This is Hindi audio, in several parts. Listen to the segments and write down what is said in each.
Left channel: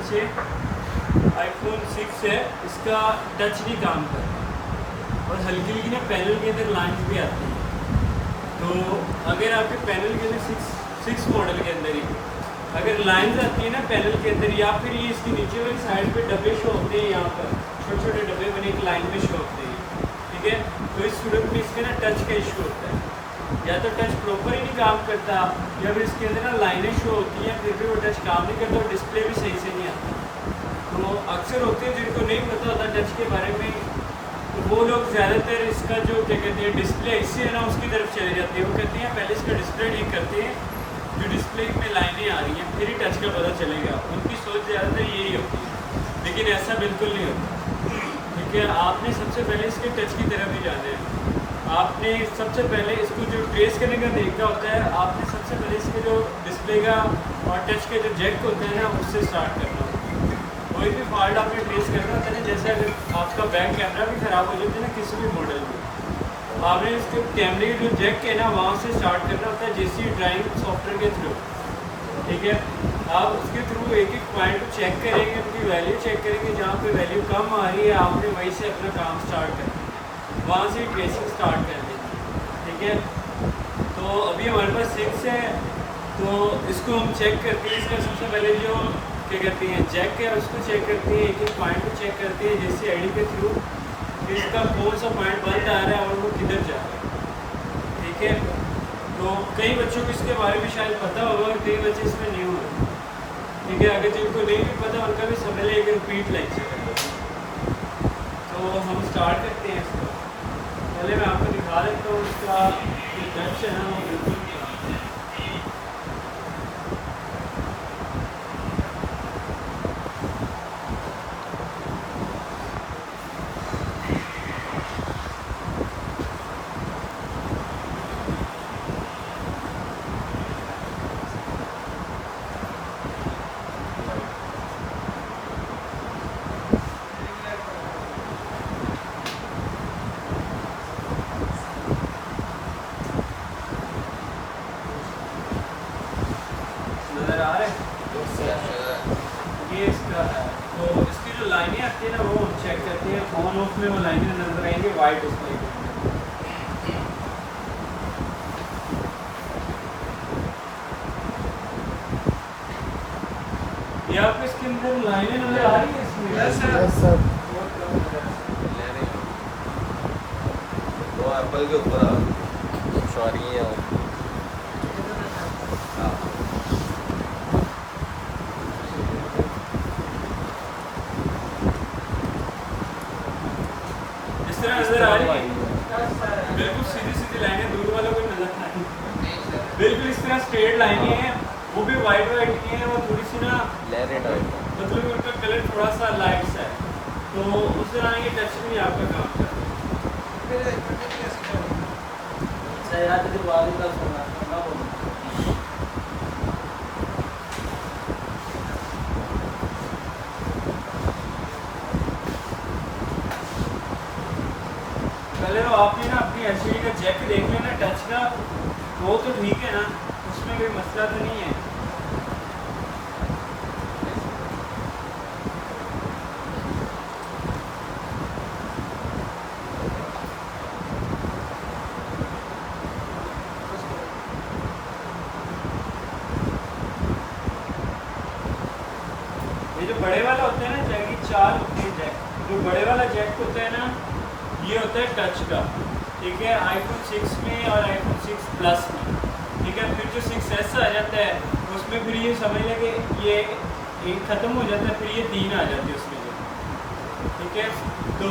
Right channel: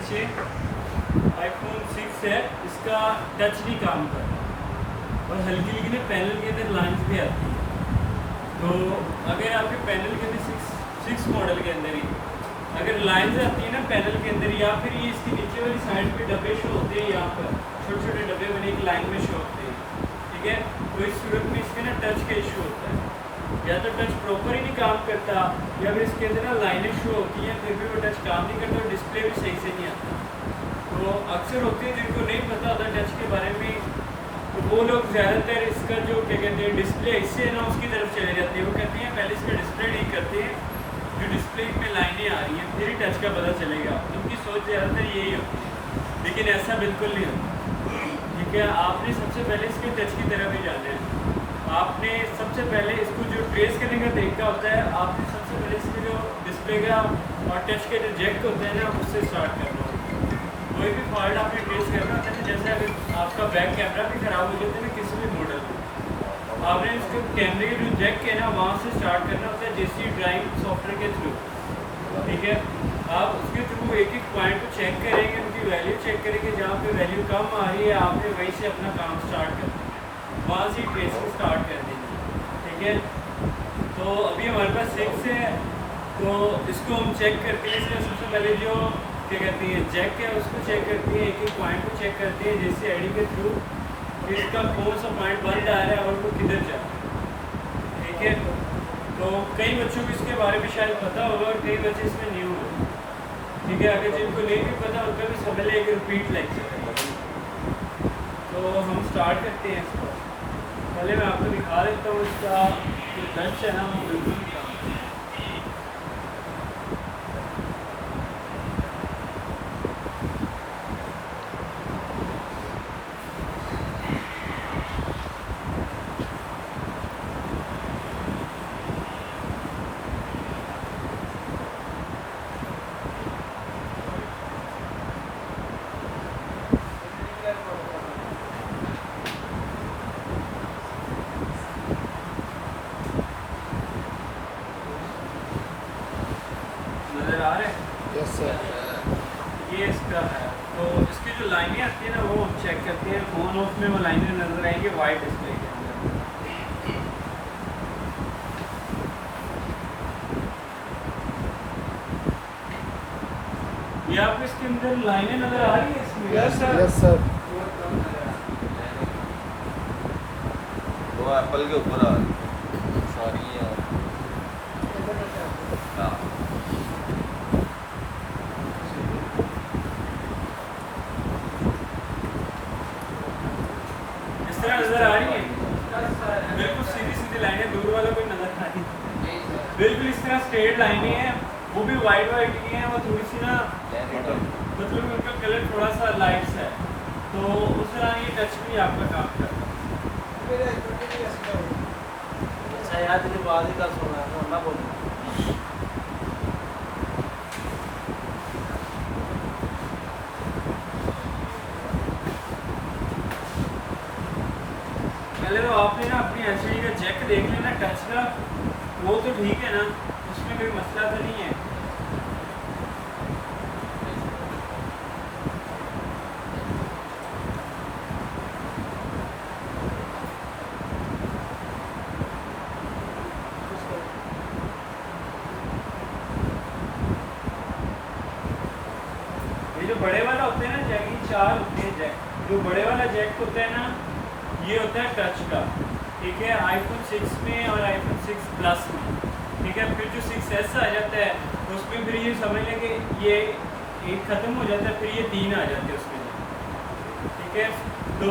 नीचे iPhone 6 है, इसका टच नहीं काम कर रहा और हल्की हल्की ना पैनल के अंदर लाइन्स भी आती हैं। तो अगर आपके पैनल के अंदर 6 मॉडल के अंदर ही अगर लाइंस आती है ना पैनल के अंदर, या फिर ये इसके नीचे वाली साइड पे डब्बे शो होते हैं, यहाँ पर छोटे छोटे डब्बे बने एक लाइन में शो होते हैं, ठीक है। तो इस सूरत में इसके ना टच का इशू होता है, या तो टच प्रॉपर ही नहीं काम करता, या फिर इसके अंदर ना लाइनें शो होती हैं फिर भी वो टच काम नहीं करता और डिस्प्ले भी सही से नहीं आता। तो अक्सर होते हैं जिनको नहीं पता होता टच के बारे में, तो वो लोग ज़्यादातर इसका जो क्या कहते हैं डिस्प्ले इससे है ना उसकी तरफ चले जाते हैं। वो कहते हैं पहले इसका डिस्प्ले ठीक करते हैं, जो डिस्प्ले में लाइनें आ रही हैं फिर ही टच का पता चलेगा। उनकी सोच ज़्यादातर यही होती है, लेकिन ऐसा बिल्कुल नहीं होता, ठीक है। आपने सबसे पहले इसके टच की तरफ ही जाना है। आपने सबसे पहले इसको जो ट्रेस करने का तरीका होता है, आपने सबसे पहले इसके जो डिस्प्ले का और टच के जो जैक होते हैं ना उससे स्टार्ट करना होता है। कोई भी फॉल्ट आपने ट्रेस करना होता है, जैसे अगर आपका बैक कैमरा भी ख़राब हो जाता है ना किसी भी मॉडल में, आपने इसको कैमरे के जो जैक है ना वहाँ से स्टार्ट करना होता है JC ड्राइंग सॉफ्टवेयर के थ्रू, ठीक है। आप उसके थ्रू एक एक पॉइंट को चेक करेंगे, उनकी वैल्यू चेक करेंगे, जहाँ पे वैल्यू कम आ रही है आपने वहीं से अपना काम स्टार्ट करना, वहाँ से ट्रेसिंग स्टार्ट कर देंगे, ठीक है। तो अभी हमारे पास 6 है, तो इसको हम चेक करते हैं। इसका सबसे पहले जो क्या करते हैं जैक है उसको चेक करते हैं, एक एक पॉइंट को चेक करते हैं JC ID के थ्रू, इसका कौन सा पॉइंट बंद आ रहा है और वो किधर जा रहा है, ठीक है। तो कई बच्चों को इसके बारे में शायद पता होगा और कई बच्चे इसमें नहीं होंगे, ठीक है। अगर जिनको नहीं भी पता उनका भी समझ लिया कि रिपीट लेक्चर है। तो हम स्टार्ट करते हैं इसको। पहले मैं आपको दिखा देता हूँ इसका जो टच है ना वो बिल्कुल नज़र आ रहा है। ये इसका है, तो इसकी जो लाइनें आती है ना वो हम चेक करते हैं। ऑन ऑफ में वो लाइनें नज़र आएंगी वाइट डिस्प्ले के अंदर। ये आपको इसके अंदर लाइनें नज़र आ रही है इसमें? Yes sir. वो एप्पल के ऊपर आ सॉरी है हाँ। इस तरह नज़र आ रही है, बिल्कुल सीधी सीधी लाइनें, दूर वालों को नज़र आ रही है, बिल्कुल इस तरह स्ट्रेट लाइनें हैं, वो भी वाइट वाइट की हैं, वो थोड़ी सी ना मतलब उनका कलर थोड़ा सा लाइट सा है, तो उस तरह ये टच भी आपका काम करता है। पहले तो आपने ना अपनी LCD का जैक देख लेना टच का, वो तो ठीक है ना, उसमें कोई मसला तो नहीं है। ये जो बड़े वाला होता है ना जैक, 4 होते हैं जैक, जो बड़े वाला जैक होता है ना ये होता है टच का, ठीक है। iPhone 6 में और iPhone 6 Plus में, ठीक है। फिर जो 6s आ जाता है तो उसमें फिर ये समझ लें कि ये एक ख़त्म हो जाता है, फिर ये 3 आ जाते हैं उसमें, ठीक है। तो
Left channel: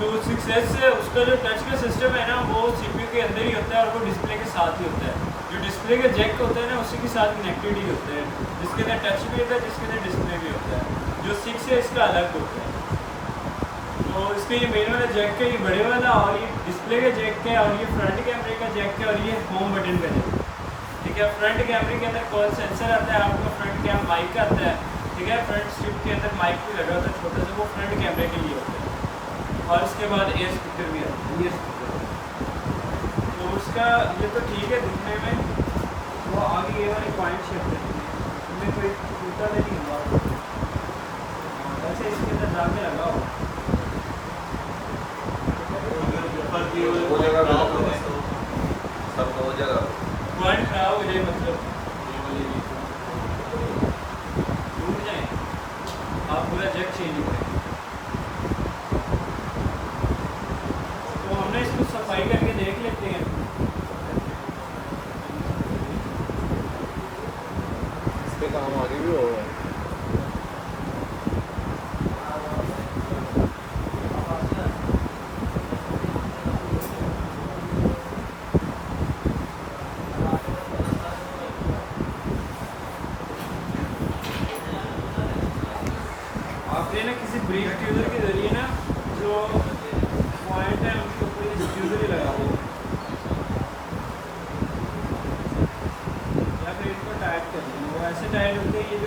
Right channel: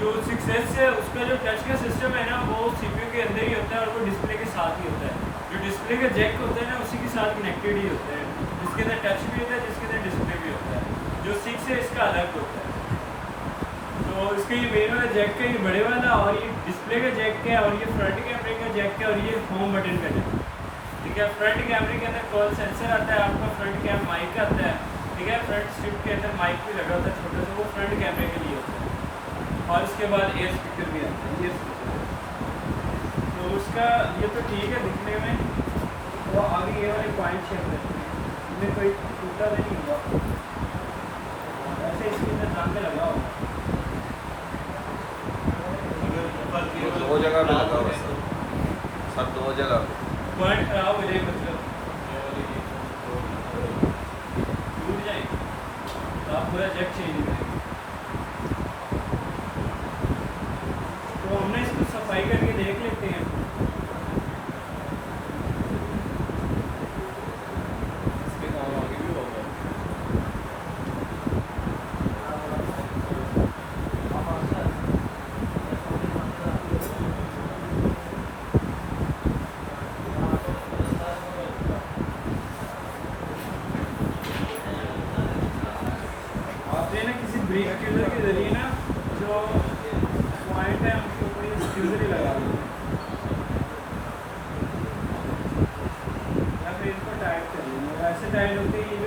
जो 6s है उसका जो टच का सिस्टम है ना वो CPU के अंदर ही होता है और वो डिस्प्ले के साथ ही होता है। जो डिस्प्ले का जैक होता है ना उसी के साथ कनेक्टेड ही होता है, जिसके अंदर टच भी होता है, जिसके अंदर डिस्प्ले भी होता है। जो 6 है इसका अलग होता है। तो इसका ये मेन वाला जैक है, ये बड़े वाला, और ये डिस्प्ले का जैक है, और ये फ्रंट कैमरे का जैक है, और ये होम बटन का जैक, ठीक है। फ्रंट कैमरे के अंदर कॉल सेंसर आता है आपका, फ्रंट कैम माइक आता है, ठीक है। फ्रंट स्ट्रिप के अंदर माइक भी लगा होता है छोटा सा, वो फ्रंट कैमरे के लिए होता है। और उसके बाद एयर स्पीकर भी आता है, ये स्पीकर। तो उसका ये तो ठीक है दिखने में, वो आगे ये वाले पॉइंट शेप है, इनमें कोई टूटा नहीं हुआ। पूरा जैक चेंज करेंगे। तो हमने इसको सफाई करके देख लेते हैं। इसके काम आगे भी होगा। आपने ना किसी ब्रेक ट्यूजर के जरिए ना जो पॉइंट है उसके ऊपर ये ट्यूजर ही लगा देते हैं या फिर इसको टाइट कर लेना। और ऐसे टाइट होते हैं,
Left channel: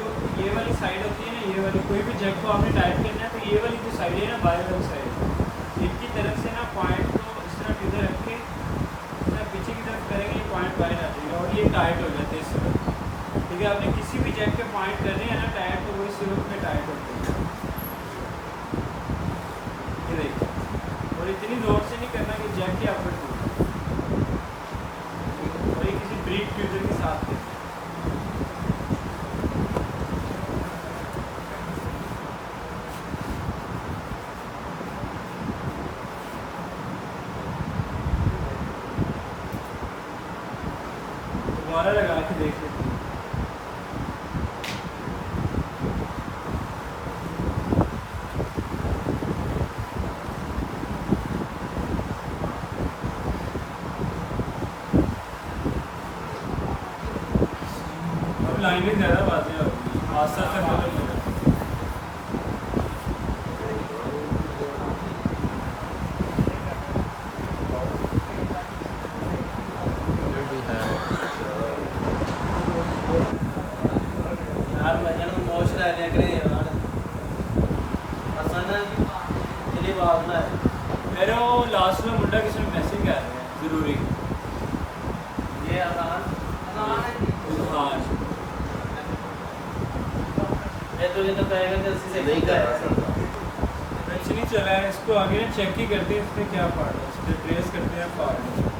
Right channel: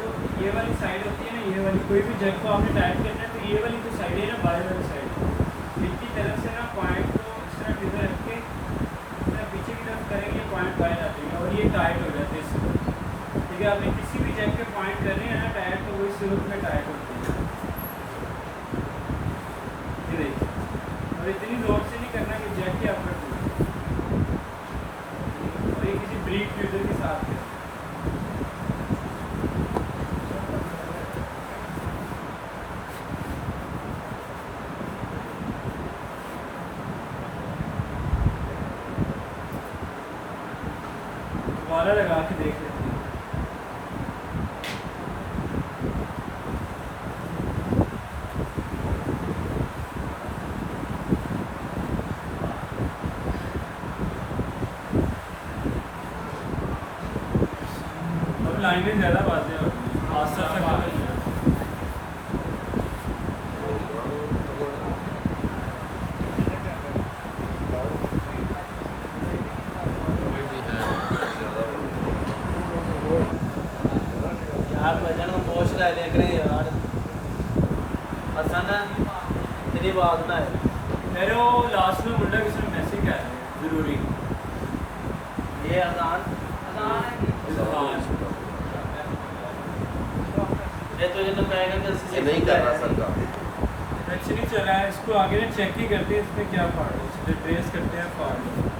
ये वाली साइड होती है ना, ये वाली कोई भी जग को आपने टाइट करना है तो ये वाली जो साइड है ना, बाएं वाली साइड, एक की तरफ से ना पॉइंट को इस तरह ट्यूजर रख के पीछे की तरफ करेंगे, ये पॉइंट बाहर आ जाएगा और ये टाइट हो जाते हैं इस तरह। ठीक है, आपने किसी भी जग पे पॉइंट करने हैं ना टाइट, तो वो इस रूप में टाइट होते हैं। ये देखिए, और इतनी जोर से नहीं करना कि जैक के ऊपर टूटे। और ये किसी ब्रेक ट्यूजर के साथ है। दोबारा लगा के देख लेते हैं। अब लाइनें ज़्यादा बातें हो रही हैं, आस्ता आस्ता खत्म हो जाती है। आप वजन को मोश ला लिया करें यार, आसान तेरी बात ना है। मेरे वो लास्ट में मुंडा किसी ने मैसेज कर रहे हैं ज़रूरी ये आसान इजहार। ये तो जितना कहेगा तो उसी से नहीं सीखा कर है। सकता। अच्छा नहीं चला है, इसको आगे ना चेक ही करते हैं इसमें क्या फाड़ है, इसलिए ट्रेस करते हैं फाड़ है।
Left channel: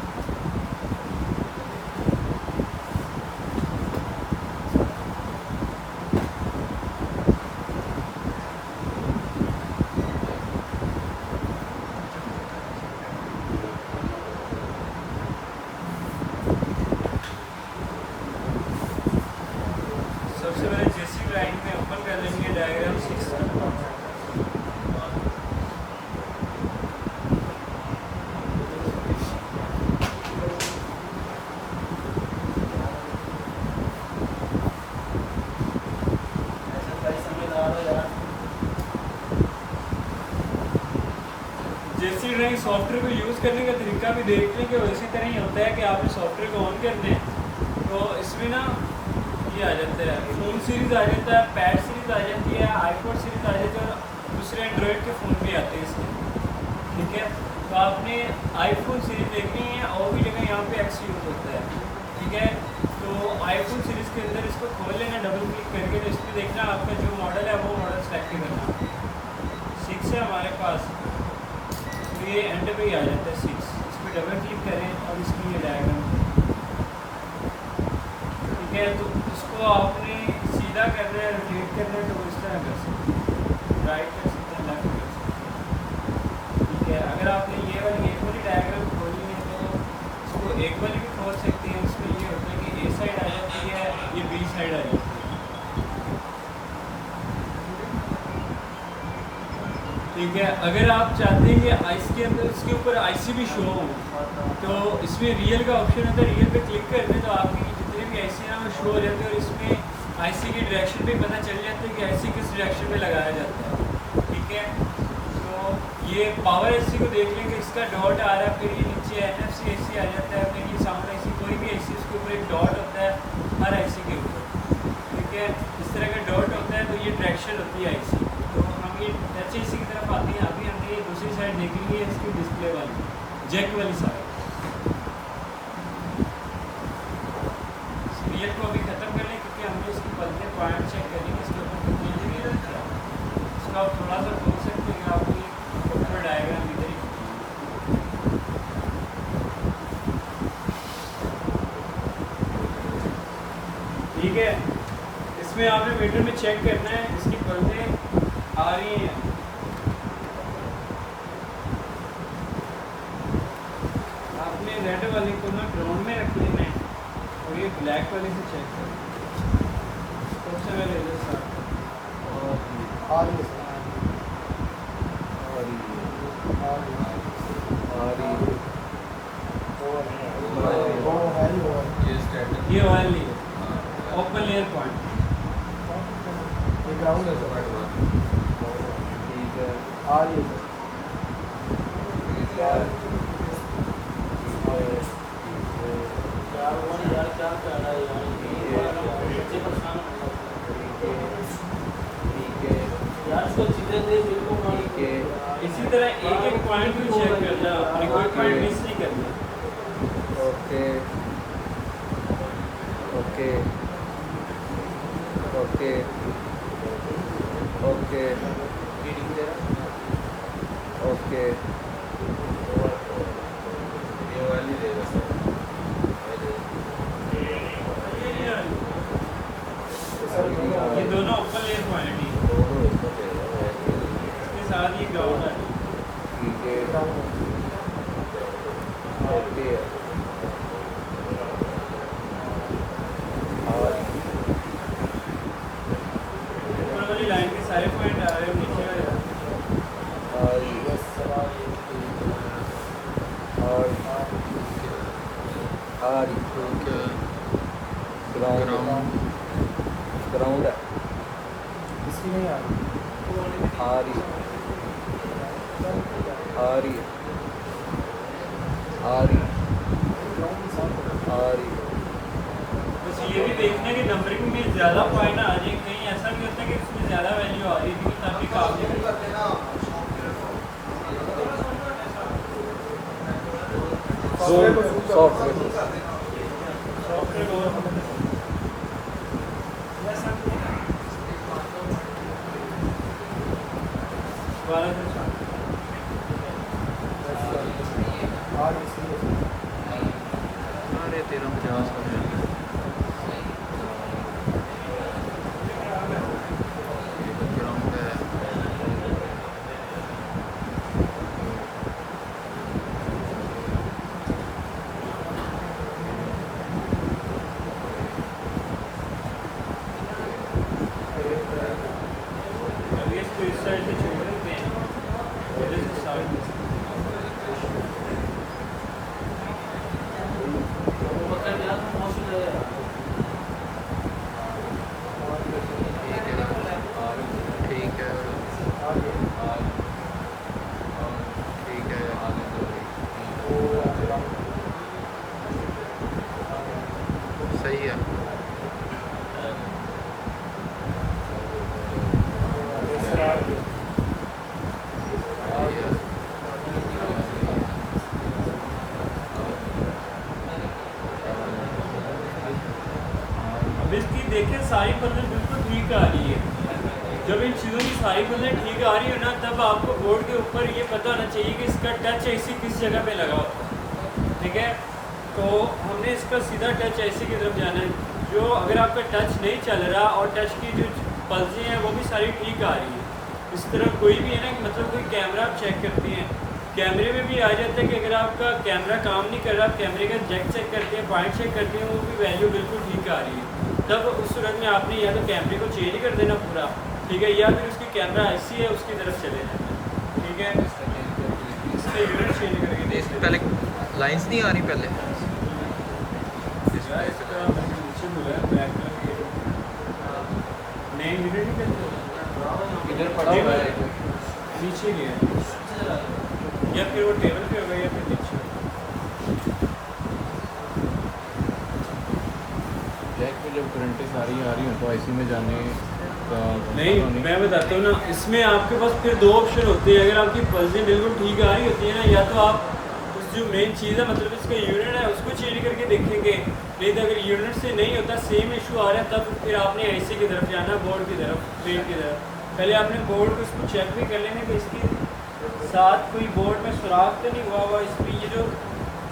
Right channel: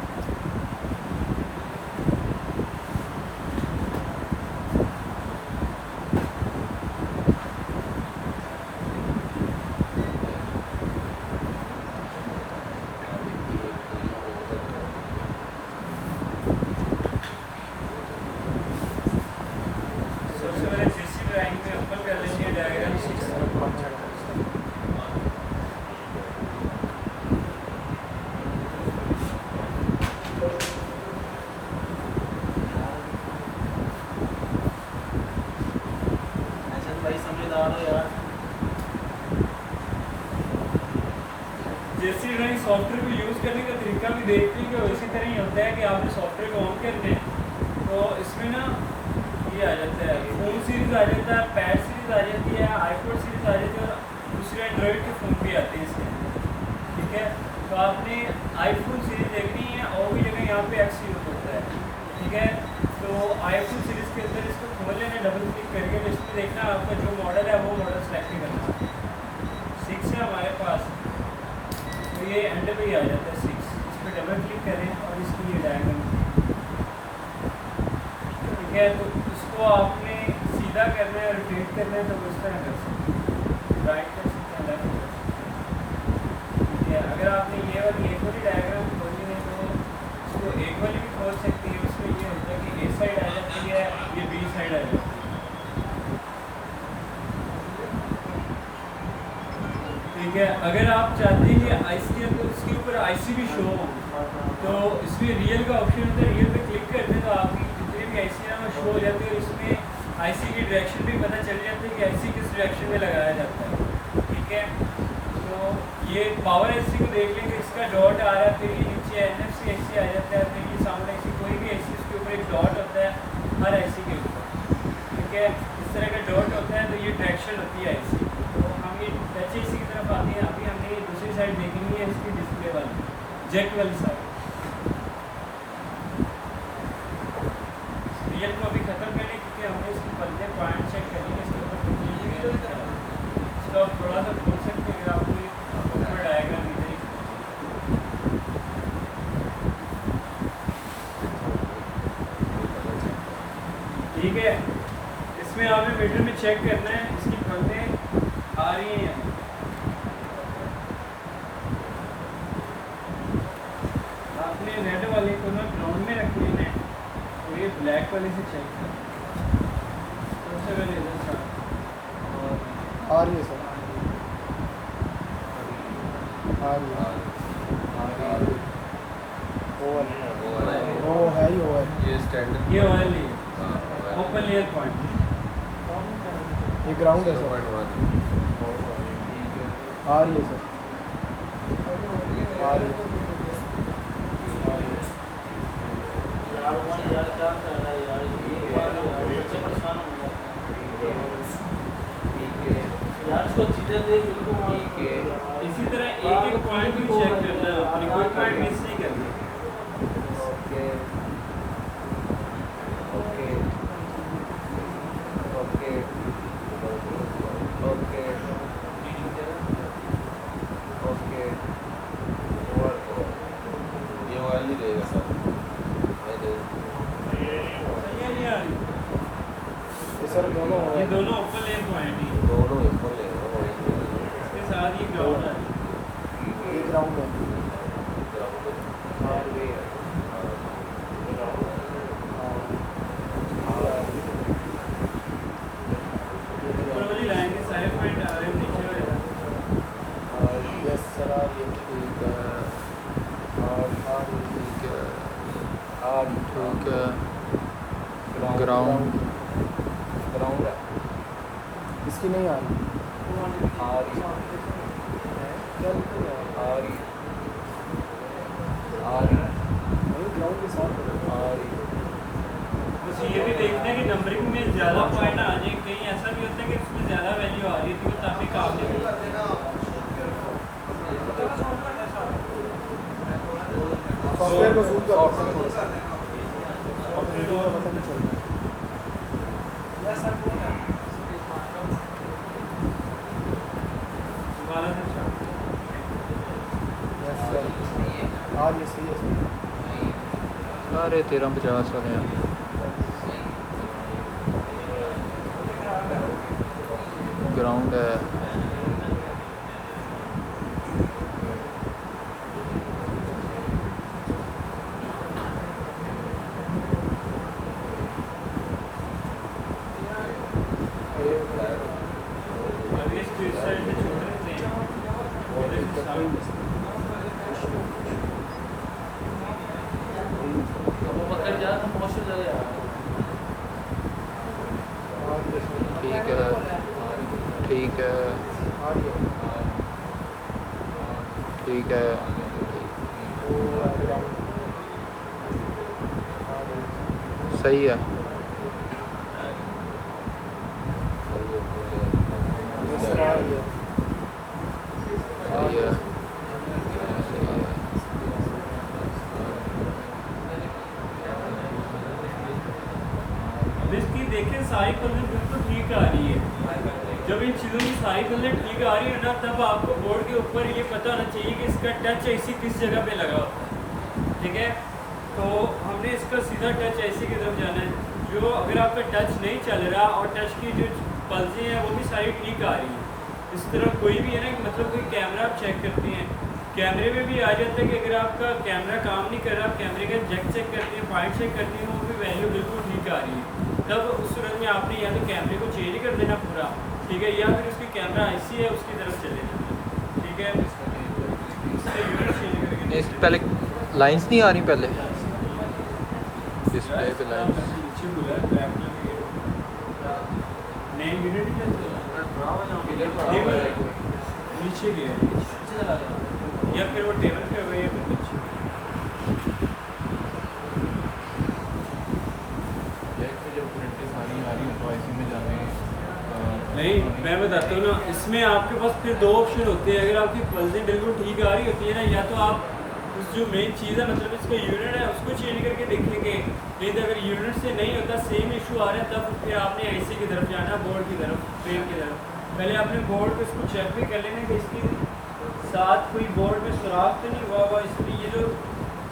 सबसे पहले जेसी ड्राइंग में ओपन कर लेंगे डायग्राम 6 में। ऐसा भाई समझदार हो यार। जेसी ड्राइंग सॉफ्टवेयर को यूज़ करने का तरीका भी देख लेंगे और इसी तरह ही होता है कि आपने सॉफ्टवेयर को ऑन करना है तो इसमें ना ये आ जाता है, फ़ोन सीरीज़ आ जाता है, पैड सीरीज़ आ जाती है, आईपॉड सीरीज़ आ जाती है और दूसरे एंड्रॉयड के फ़ोन भी आते हैं इसके। ठीक है, तो आपने आईफोन सीरीज़ देखनी है और भी जगह यहाँ पे एक्स यूज़ होता है। ठीक है, तो आईफोन सीरीज़ के अंदर इसको खोल लेना, डबल क्लिक करके, तो इसमें देखना आपका जो मॉडल है वो मॉडल सेलेक्ट करना। 6 है हमारे पास, तो ये एंड पे ही आ जाता है 6। इस पर डबल क्लिक करें और इसकी ये डायग्राम, ठीक है, तो इसको आपने सीधा करना है, रोटेट करना है, तो वो इस तरह कर सकते हैं, राइट कर सकते हैं, लेफ्ट कर सकते हैं। ठीक है, अगर आपने ये वाली एक वाली डायग्राम खोली है तो इसको एक वाली भी खोल सकते हैं। इसमें ये होता है कि ए साइड आ जाती है, ये बी साइड आ जाती है। ठीक है, अगर आप चाहते हैं कि आईसी है तो इसके ऊपर आईसी भी शो हो, तो इसमें रियल का ऑप्शन होता है, रियल पे क्लिक करते हैं तो आपकी जितने भी आईसी है वो शो हो जाते हैं और इसमें आईसी की डायरेक्शन भी पता चल जाती है कि आईसी किस डायरेक्शन में लगाया जाता है। ठीक है, तो ये पावर आईसी को देख लेंगे, इसका डॉट आ रहा है, फिर ये नीचे एनएफसी आईसी आ जाता है, फिर ये साउंड आईसी, कोई भी आईसी उसके ऊपर एक डॉट होता है हर आईसी के ऊपर। ठीक है, इस तरह का डॉट होता है, तो ये डायरेक्शन होती है आईसी। तो हम ये टच आईसी की तरफ आते हैं। अभी हमने ये दूसरी साइड देखनी है, इसकी डिस्प्ले वाली जैक वाली साइड। रियल को अभी ख़त्म कर लें क्योंकि हमने इसकी पलटे पॉइंट चेक कर लेंगे, इसके ऊपर इसको आप थोड़ा सा खोल सकते हैं, अगर आपको ये ऊपर डायग्राम इधर ही। ठीक है, इसमें आपने मीटर में चेक करना है, इसकी पलटे आ रही हैं। आपने रेड वाले को मैं ग्राउंड में रख ली मैं, और ये ब्लैक वाले से चेक कर। सबसे पहले इधर से आ रही है सर, आ रही है। वो है ही वो है। ये स्टैंडर्ड ये ऑयल ही है, ओपन लेयर पॉइंट। ये ग्राउंड है सर, ठीक है आ रही है सर, आ रही है। यार क्या कर रहा है यार, ये बच्चे परेशान हो गए यार, इसको चीजें दे बिल्कुल मत। इसी तरह एक एक पॉइंट भी चेक करना है अपने, कोई पॉइंट मिस नहीं करने। Okay okay okay okay okay ये वाला नहीं देगा सर, ये नहीं आ रही। सर ये दोनों ओपन लेयर पॉइंट ही, दोनों ऊपर ले रहा है। इसके साथ ये ग्राउंड आ रही है। ठीक है ग्राउंड है। ओके ऊपर वाली लाइन के सारे पॉइंट आ रहे हैं, नीचे वाले आ रहे हैं। ग्राउंड इसकी नहीं आ रही। आ रही आ रही आ रही आ रही बस ये भी देखना है कि नंबरिंग में ज़्यादा पॉइंट आ जाए, कहीं ऐसा नहीं होता कि इसमें ज़्यादा वैल्यू आ रही थी, तो काफ़ी काम नहीं करता। सॉफ्टवेयर को zoom करो। सॉफ्टवेयर और दोबारा से start। आ रही है। सारे 1350 वाले हैं। ग्राउंड है, अभी इसको इस साइड में छोड़ देते हैं, इधर से साउंड। पकड़ जा रहा मौसम लग रहा ठीक है ठीक है, सही है। सही है। अब इसकी देखिए सारी पल्ले बिल्कुल ठीक आ रही है। जब इन चीज़ों की सारी पल्ले ठीक आ रही है ना, तब आपको बोर्ड के ऊपर ये पता होना चाहिए कि इसका टच ऐसी किस जगह पे लगा होता है। ठीक है, तो हमने इसका सीधा टच ऐसे की तरफ जाना है। जो अगर आपका टच नहीं चल रहा और टच की जो पल्सें हैं वो भी सारी ठीक आ रही है। इस तरह कोई भी है ना, मतलब कोई कैमरा आप चेक करते हैं, कैमरे में भी आ जाता है कि अगर आपका कैमरा काम नहीं कर रहा, आप कैमरे का जैक चेक करते हैं, पॉइंट चेक करते हैं, वो भी वैल्यू बिल्कुल ठीक आ रही है। तब उस सूरत में आपने या तो कैमरे को चेंज कर देना पूरा, ठीक है, या फिर उसकी कैमरा ऐसी है उसकी तरफ चले जाना। ठीक है, इससे यूनिट चेंज करके इस पहले लाइंस नहीं आ रही पहले डिस्प्ले पे लाइंस। नीचे बोला है ब्लैक कलर की नए यूनिट ही करते इधर नीचे गया या फिर वो टेबल पे हो गया या फिर नीचे। ब्लैक में जब प्रिंटें सारी आ रही हैं तो आईसी में जाने नहीं, मैं बताता हूँ ना, इसमें आपके पास फिर दो ऑप्शन होते हैं। अगर आपकी पल्सें बिल्कुल ठीक आ रही होती है ना, या तो आप उस जो मेन चीज़ है मतलब इसका यूनिट है उसको चेंज करके देखेंगे, नहीं तो अगर यूनिट से नहीं होता सेम इशू आ रहा है तब फिर आपने ऐसे की तरफ जाना, बोर्ड की तरफ, फ्रेम की तरफ। पहले आपने बोर्ड को इसको चेक भी कर लेना कि इसकी साथ कोई बोर्ड में सुराख तो नहीं हुआ। इसमें ये जो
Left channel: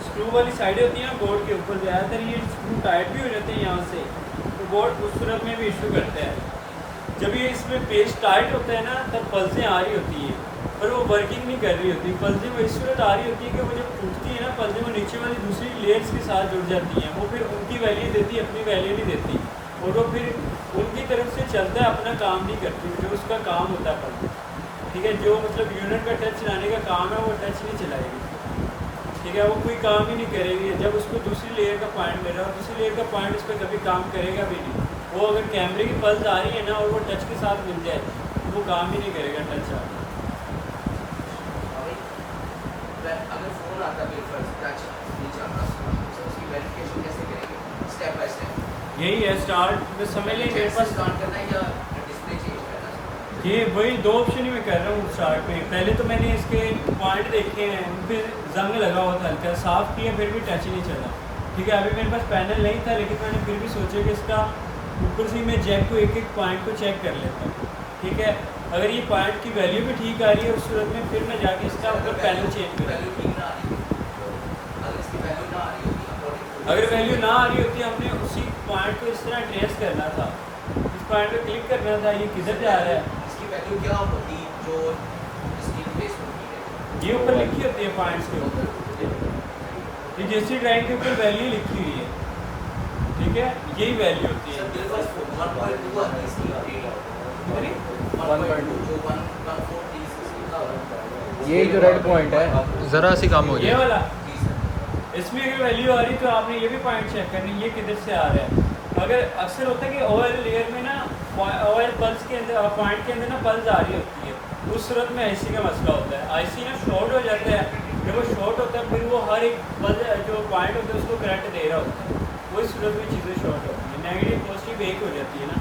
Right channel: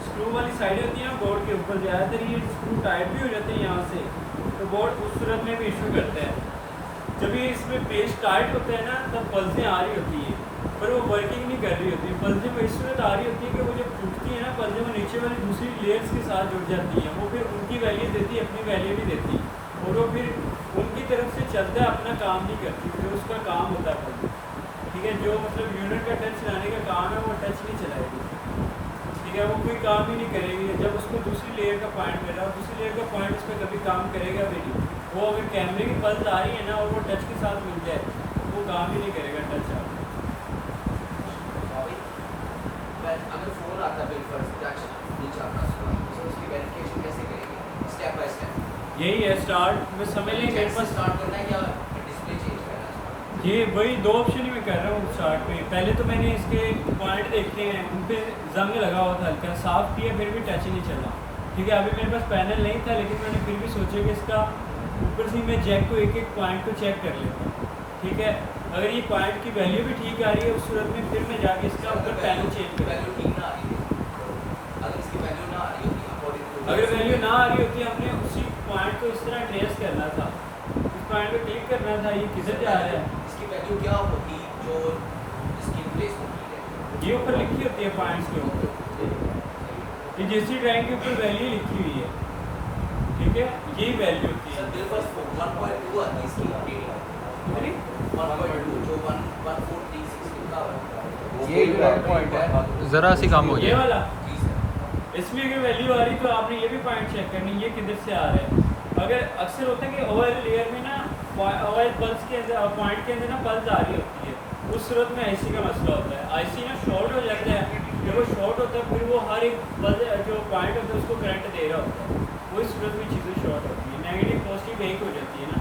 स्क्रू वाली साइडें होती हैं ना बोर्ड के ऊपर, ज़्यादातर ये स्क्रू टाइट भी हो जाते हैं यहाँ से, तो बोर्ड उस सूरत में भी इशू करता है। जब ये इसमें पेज टाइट होता है ना तब पल्सें आ रही होती है, पर वो वर्किंग नहीं कर रही होती। पल्सें वो इस सूरत आ रही होती है कि वो जब टूटती है ना पल्सें, वो नीचे वाली दूसरी लेयर्स के साथ जुड़ जाती हैं, वो फिर उनकी वैल्यू देती है, अपनी वैल्यू नहीं देती, और वो फिर उनकी तरफ से चलता है, अपना काम नहीं करती जो उसका काम होता है पल्से। ठीक है, जो मतलब यूनिट का टच चलाने का काम है वो टच नहीं चलाएगी, ठीक है, वो कोई काम ही नहीं करेगी जब उसको दूसरी लेयर का पॉइंट मिल रहा है, दूसरी लेयर का पॉइंट उस पर कभी काम करेगा भी नहीं। वो अगर कैमरे की पल्स आ रही है ना और वो टच के साथ मिल जाए वो काम ही नहीं करेगा टच आप। अगर फोन आता बिल्कुल टच नहीं चल रहा तो उसकी वेरिफिकेशन कैसे करेंगे स्टेप बाय स्टेप? यही है स्टार्ट में समझ लें मेरे पास स्टार्ट करना है या डिस्प्ले चेंज करना है? ये वही दो ऑप्शन ही मैं कर रहा हूँ स्टार्ट में। पहले तो मैंने इसके पॉइंट देखे हैं, उन पर जंग लगा हुआ था, हल्का साफ़ किया फिर भी टच ही नहीं चला। ठीक है, अभी मेरे पास पैनल नहीं था लेकिन मैंने फिर भी सोचा कि इसका ऊपर से मैं जैक को एक एक पॉइंट को चेक कर लेता हूँ। ठीक है, अगर ये पॉइंट की वैल्यू भी ठीक आ रही है उस सूरत में फिर मैं जाके इसका ऊपर पैनल चेंज कर। वैल्यू ठीक ना आ रही है, अगर इसकी वैल्यू ना आ रही होती अगर वैल्यू ना आ रही होती हमने उसी पॉइंट को इस तरह ट्रेस करना था, इस पॉइंट पे क्लिक करना था, ये किधर जा रहा है, इसकी वैल्यू क्या होगी जो इसकी प्लेस होती है? ये ऊपर लिखी होती है पॉइंट्स के ऊपर, ये जैसी ड्राइंग के ऊपर वैल्यू लिखी हुई है। ठीक है, यही वैल्यू होती है। बिल्कुल 1.2 आती है इसकी रेटिंग, कितनी? 1.2 जो 1.1436 का है। ये जो रेड पॉइंट है ज़रा सी कम हो ये जाए। वाला जी सर। इसमें अगर वैल्यू आ रही तो आपने ये भी पॉइंट चेक करनी, ये किधर से आ रहा है। अगर अक्सर होता है कि ऑयल लेयर में ना ऑयल पल्स के अंदर पॉइंट के अंदर ना पल्स आ रही होती है, उस सूरत में आईसी का मसला होता है। आईसी ना शॉर्ट हो जाता है, जब वो शॉर्ट होता है फिर वो हर एक पल्स जो पॉइंट होता है उसको करंट दे रहा होता है, वही सूरत में चीज़ें शॉर्ट होती है, नेगेटिव पॉजिटिव एक हो जाती है ना,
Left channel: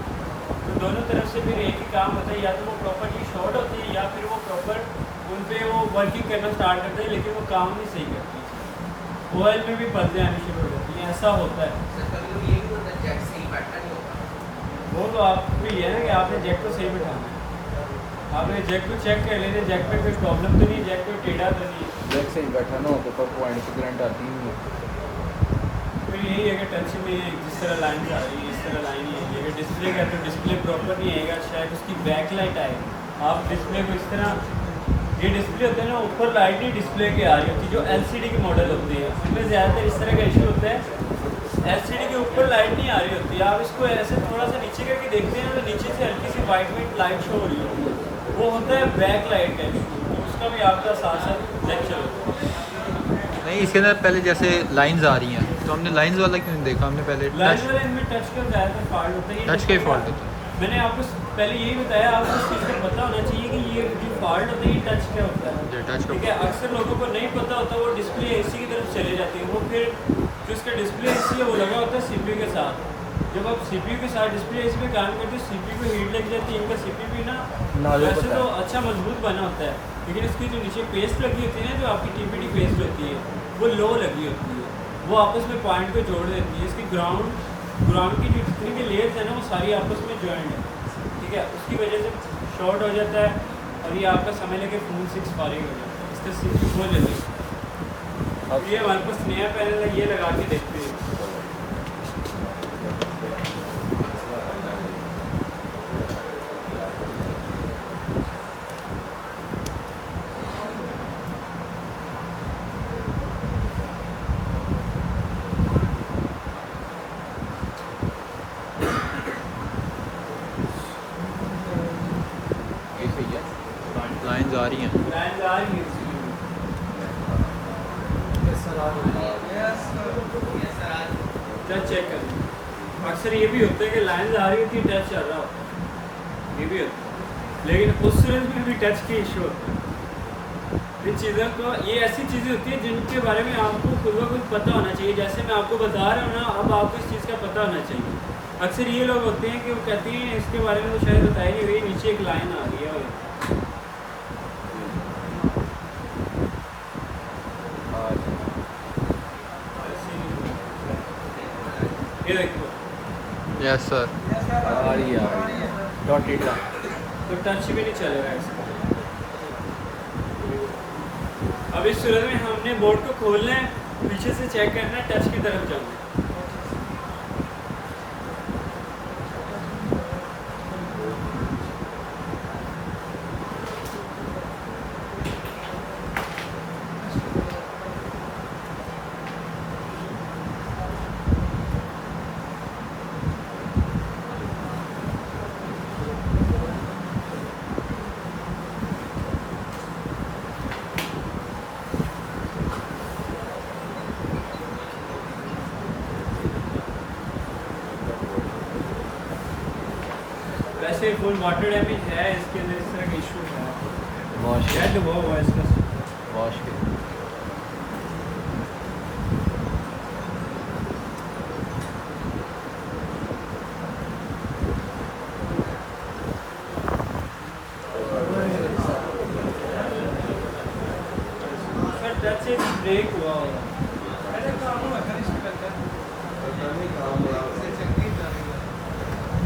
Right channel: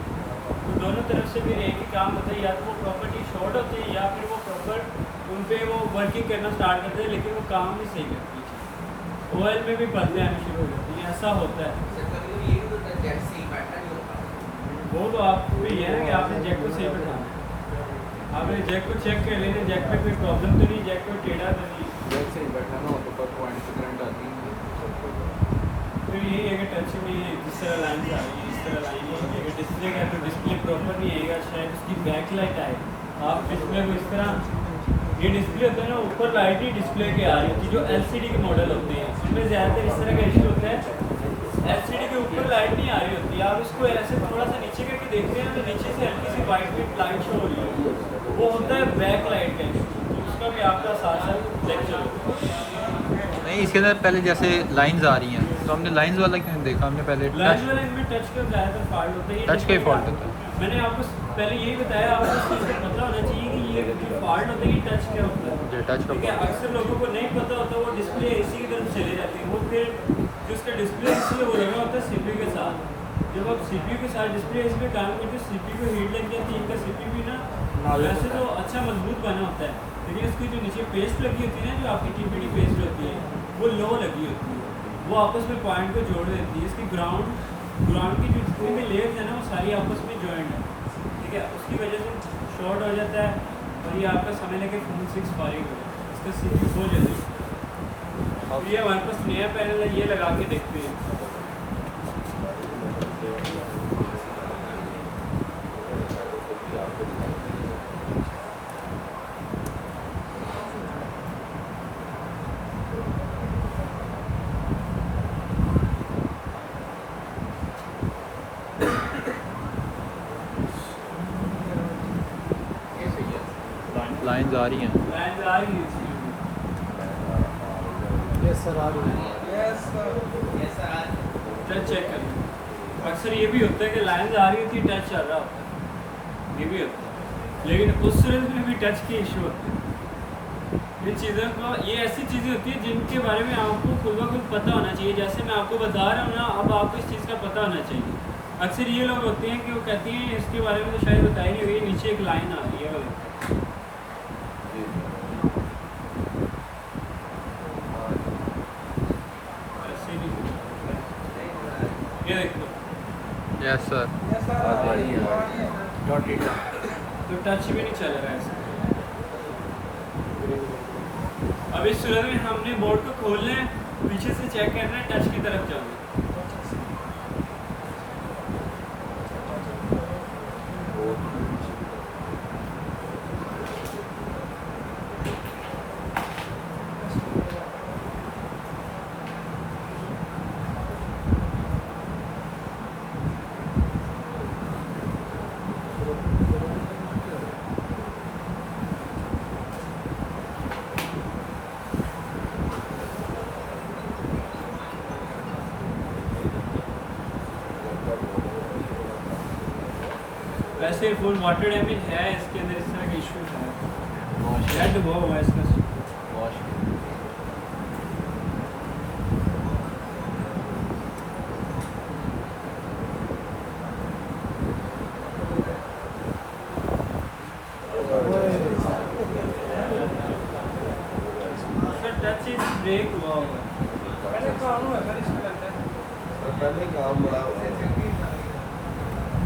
तो दोनों तरफ से फिर एक ही काम होता है, या तो वो प्रॉपर्टी शॉर्ट होती है या फिर वो प्रॉपर उन पर वो वर्किंग करना स्टार्ट करते हैं लेकिन वो काम नहीं सही करती। ऑयल में भी पल्सें आनी शुरू हो जाती हैं, ऐसा होता है। सर कभी ये भी तो जैक से ही बैठना नहीं होगा। वो तो आपको ये है ना कि आपने जैक को सही बैठाना है, आपने जैक को चेक कर लेना, जैक में कोई प्रॉब्लम तो नहीं, जैक को टेढ़ा तो नहीं। ब्रेक से ही बैठा ना तो पॉइंट की करंट आती है। फिर यही है कि टच में जिस तरह लाइन आ रही है इस तरह लाइन ही है। अगर डिस्प्ले का तो डिस्प्ले प्रॉपर नहीं आएगा, शायद उसकी बैक लाइट आए। आप डिस्प्ले को इस तरह, ये डिस्प्ले होते हैं ना ऊपर लाइट ही डिस्प्ले के आ रही होती है, जो एलसीडी के मॉडल होते हैं उनमें ज़्यादातर इस तरह का इशू होता है, एलसीडी के ऊपर लाइट नहीं आ रही होती। आप इसको ऐसे थोड़ा सा नीचे करके देखते हैं तो नीचे से हल्की सी वाइट लाइट शो हो रही है, वो होता है बैक लाइट का इशू, तो उसका भी आपका साथ साथ लेक्चर होता है। नहीं, इसके अंदर पहले जैसे लाइंस आ रही हैं तो हमने लाइंस वाला क्यों नहीं देखा, हमने पहले लाइन टच वाला इनमें टच का ज़्यादातर फॉल्ट होता है, ये टच का ही फॉल्ट होता है। मैंने आपको पहले यही बताया, आपको इस चीज़ का पता होना चाहिए कि ये जो फॉल्ट होता है ये टच क्या होता है। जो टच का ठीक है, अक्सर लोगों को नहीं पता होता, वो डिस्प्ले एसी की तरफ चले जाते हैं, वो फिर जो इसका डिस्प्ले एसी है वो लगा होता है सीपीयू के साथ। जब आप सीपीयू के साथ डिस्प्ले एसी में काम करते हो सीपीयू को हीट लग जाती है, इनका सीपीयू भी ना वैसे तो अच्छा मजबूत बना होता है, लेकिन इसकी जो नीचे पेस्ट लगी होती है ना, जो आपकी टीपीडी पेस्ट होती है वो लो लगी होती है, वो आपस में पॉइंट को जोड़ देती है। इसकी ग्राउंड की जो जितनी भी लेयर्स है ना वो सारी आपस में जॉइंट है। ठीक है, उसकी वजह से शॉर्ट हो जाता है और ये आपका समझ लगे फोन 6 फारिग हो जाता है, इसका सीपीयू बहुत जल्दी। अब ये हमारे पास नया पैनल है, ये लगा के देखते हैं। ये सही है। लाइंस आ रही हैं। लाइन आ रही है इसकी। यस सर, आ रही है। टच चेक कर लो, अक्सर ये भी होता है कि लाइन आ रही होती है टच चल रहा होता है, ये भी होता है, लेकिन उस सूरत में भी टच के इशू होते हैं। इन चीज़ों को, ये ऐसी चीज़ें होती हैं जिनके बारे में आपको खुद ब खुद पता होना चाहिए। जैसे मैं आपको बता रहा हूँ ना, अब आपको इस चीज़ का पता होना चाहिए। अक्सर ये लोग होते हैं कि वो कहते हैं इसके बारे में तो शायद बताई नहीं हुई, नीचे एक लाइन आ रही है, ये देखो यस सर। आ रही है डॉटेड लाइन। तो टच भी नहीं चल रहा है इसका। अब इस सूरत में हमने बोर्ड को खोलना है, पीछे से चेक करना है, टच की तरफ जाना है। वैसे फुल वाटर डैमेज है इसके अंदर, इस तरह का इशू है, वॉश रेड हुआ है इसका। वॉश के सर टच से ब्रेक हुआ होगा।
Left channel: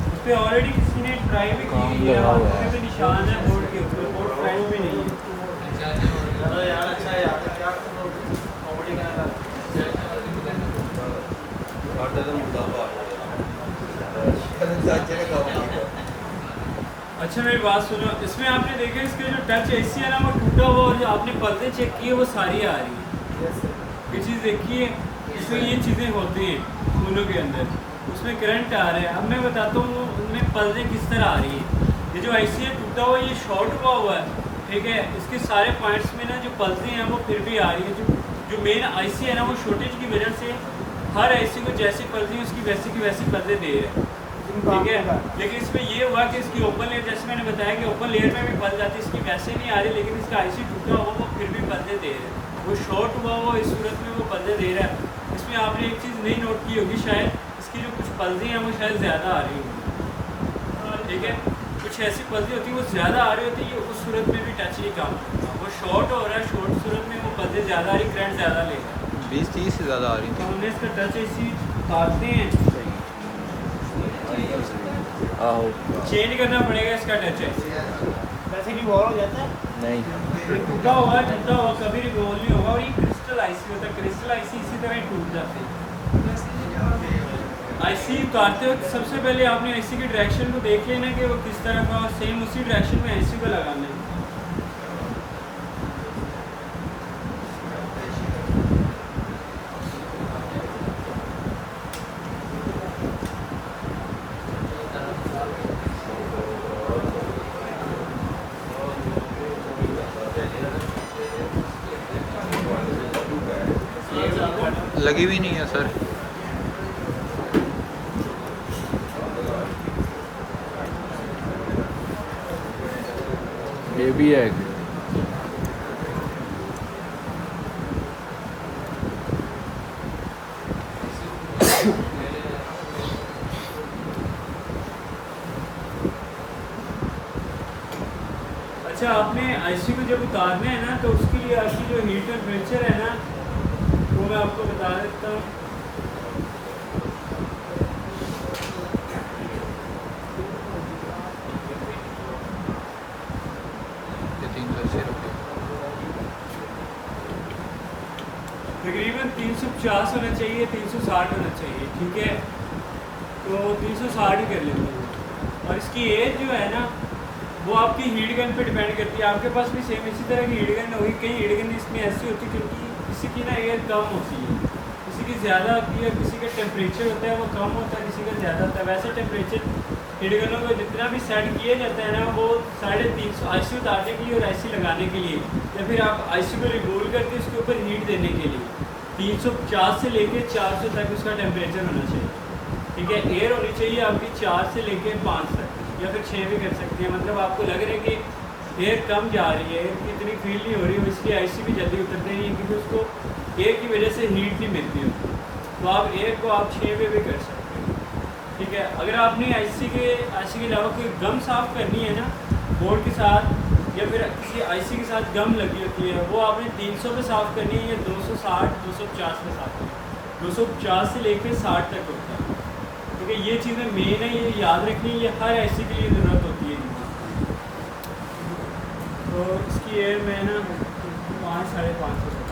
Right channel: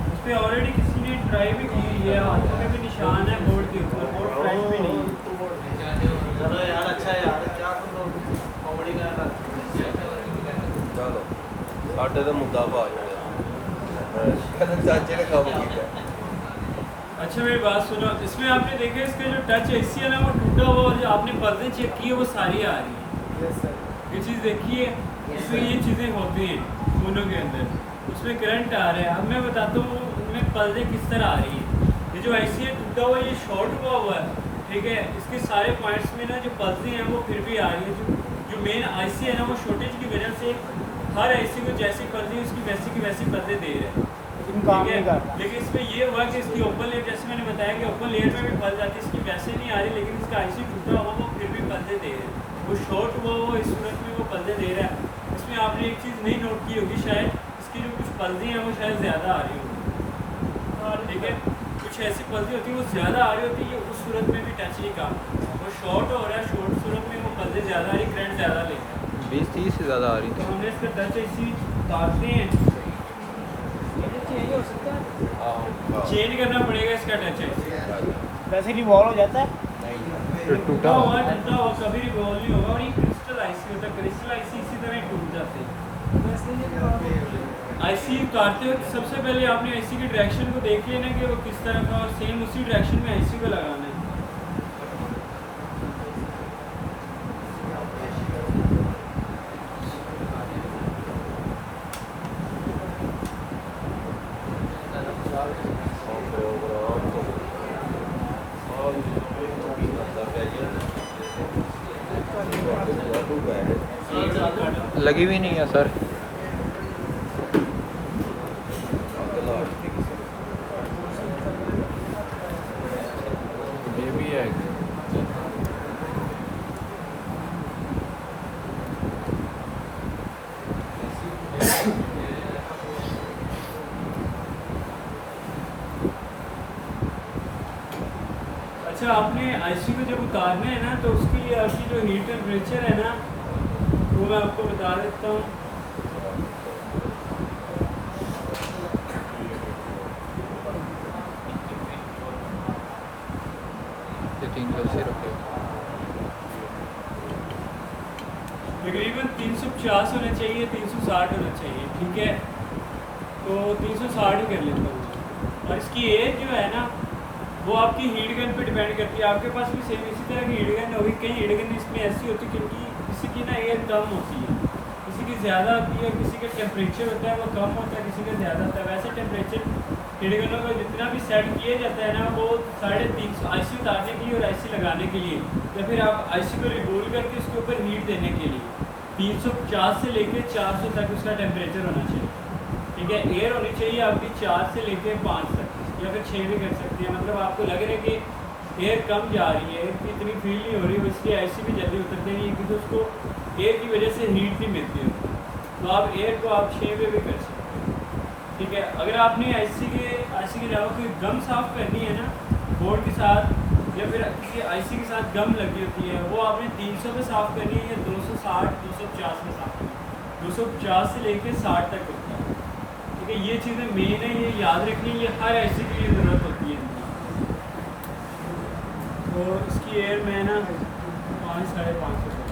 इस पे ऑलरेडी किसी ने ट्राई भी की हुई है, हाथों में भी निशान है बोर्ड के ऊपर, बोर्ड फ्रेश भी नहीं है। चलो यार अच्छा है यार, क्या कॉमेडी का अच्छा मेरी बात सुनो, इसमें आपने देखा इसका जो टच एसी है ना वो टूटा हुआ, और जो आपने पर्दे चेक किए वो सारी आ रही है। ये चीज़ देखिए, इसमें ये चीज़ें होती हैं फोनों के अंदर, उसमें करंट आ रहा है। अब मैं बताता हूँ उनमें पर्दे किस तरह आ रही है। ये जो आईसी है टूटा हुआ, ये शॉर्ट हुआ है, ठीक है। इसके सारे पॉइंट्स में ना जो पर्दे हैं वो फिर भी आ रही है। जो मेन आईसी है ना वो शॉर्टेज की वजह से हर आईसी को जैसी पर्दे उसकी वैसी की वैसी पर्दे दे रहे हैं, ठीक है। लेकिन इसमें ये हुआ कि इसकी ओपन लेयर, जैसे मैंने बताया कि ओपन लेयर में भी पर्दे आती है, इसकी वैसे नहीं आ रही, लेकिन इसका आईसी टूटा हुआ वो फिर भी पर्दे दे रहे हैं। वो शॉर्ट हुआ वो इस सूरत में वो पर्दे दे रहा है। इसमें आपने एक चीज़ नहीं नोट की होगी शायद, इसकी जो कुछ पर्दे हैं वो शायद ज़्यादा आ रही होंगी, ठीक है। कुछ ऐसी पर्दे होती हैं वो ज़्यादा आ रही होती है, उस सूरत में भी टच नहीं काम करता। वो शॉर्ट हो रहा है, शॉर्ट सूरत में वो पर्दे ज़्यादा आ रही, करंट ज़्यादा ले रहा है। 20-30 से ज़्यादा आ रही तो थी। हमने इसका टच ऐसी काटते हैं, चेंज करना पड़ेगा इसका टच ऐसी। वैसे नहीं बॉल हो जाता है। नहीं टूटा हुआ कभी रिवॉल्व नहीं होगा। और ये क्रिस्टल आईसी होता है, क्रिस्टल आईसी इसी तरह ही टूट जाते हैं। आईसी उतारते वक्त सबसे पहले आपने आईसी की डायरेक्शन को देख लेना कि वो किस तरह का, और सेम उसी डायरेक्शन में आईसी को लगाना है। लगी हुई नहीं है सर। ये भी है। अच्छा, आपने आईसी को जब उतारना है ना तो उसके लिए आपकी जो हीट टेम्परेचर है ना वो मैं आपको बता देता हूँ। ये 3 से रखे। तकरीबन 350 होना चाहिए, 360 होना चाहिए, ठीक है। तो 360 ही कर लेता हूँ। और इसकी एज जो है ना वो आपकी हीट गन पे डिपेंड करती है। आपके पास भी सेम इसी तरह की हीट गन होगी। कई हीट गन इसमें ऐसी होती है क्योंकि किसी की ना एयर कम होती है, किसी की ज़्यादा होती है, किसी का टेम्परेचर होता है वो कम होता है, किसी का ज़्यादा होता है। वैसे टेम्परेचर हीट गनों को जितना भी सेट किया जाता है ना वो 350 आईसी उतारने के लिए और आईसी लगाने के लिए, या फिर आप आईसी को रिगोल करके उसके ऊपर हीट देने के लिए 350 से लेकर 400 तक उसका टेम्परेचर होना चाहिए, ठीक है। एयर होनी चाहिए आपकी 4 से लेकर 5 तक, या फिर 6 भी कर सकती है। मतलब आपको लग रहा है कि एयर कम जा रही है, एयर की इतनी फील नहीं हो रही, इसकी आईसी भी जल्दी उतरते नहीं है क्योंकि उसको एयर की वजह से हीट नहीं मिलती होती। तो आप एयर को आप 6 पे भी कर सकते हो, ठीक है। अगर आपने आईसी के अलावा कोई गम साफ़ करनी है ना बोर्ड के साथ, या फिर किसी आईसी के साथ गम लगी होती है, वो आपने 300 पे साफ़ करनी है या 260 250 पे साफ़ करनी है। 250 से लेकर 60 तक होता है, ठीक है। ये चीज़ें मेन है, ये याद रखनी, ये हर आईसी के लिए ज़रूरत होती है। तो इसकी एयर में ना 5 साढ़े 500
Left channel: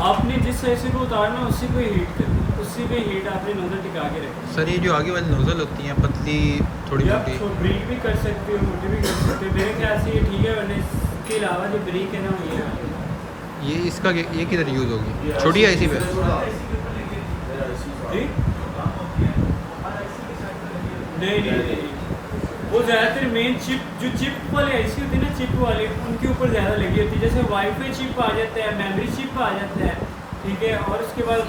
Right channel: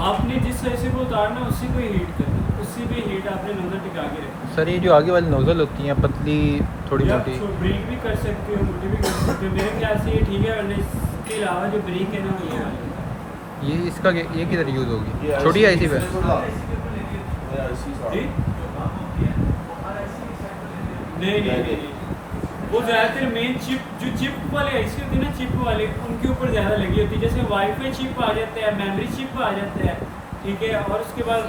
आपने जिस आईसी को उतारना उसी को हीट करनी, उसी पे हीट आपने नोजल टिका के रखनी। सर ये जो आगे वाली नोज़ल होती हैं पतली थोड़ी या मोटी, ब्रीक भी कर सकते हो, मोटी भी कर सकते हो। मेरे ख्याल से ये ठीक है, वरना इसके अलावा जो ब्रीक है ना वो ये आ जाएगी। ये इसका ये किधर यूज़ होगी? छोटी आईसी पे? जी? नहीं नहीं नहीं, वो ज़्यादातर मेन चिप, जो चिप वाले आईसी होती है ना, चिप वाले उनके ऊपर ज़्यादा लगी होती है। जैसे वाईफाई चिप आ जाता है, मेमोरी चिप आ जाता है, ठीक है, और उसके बाद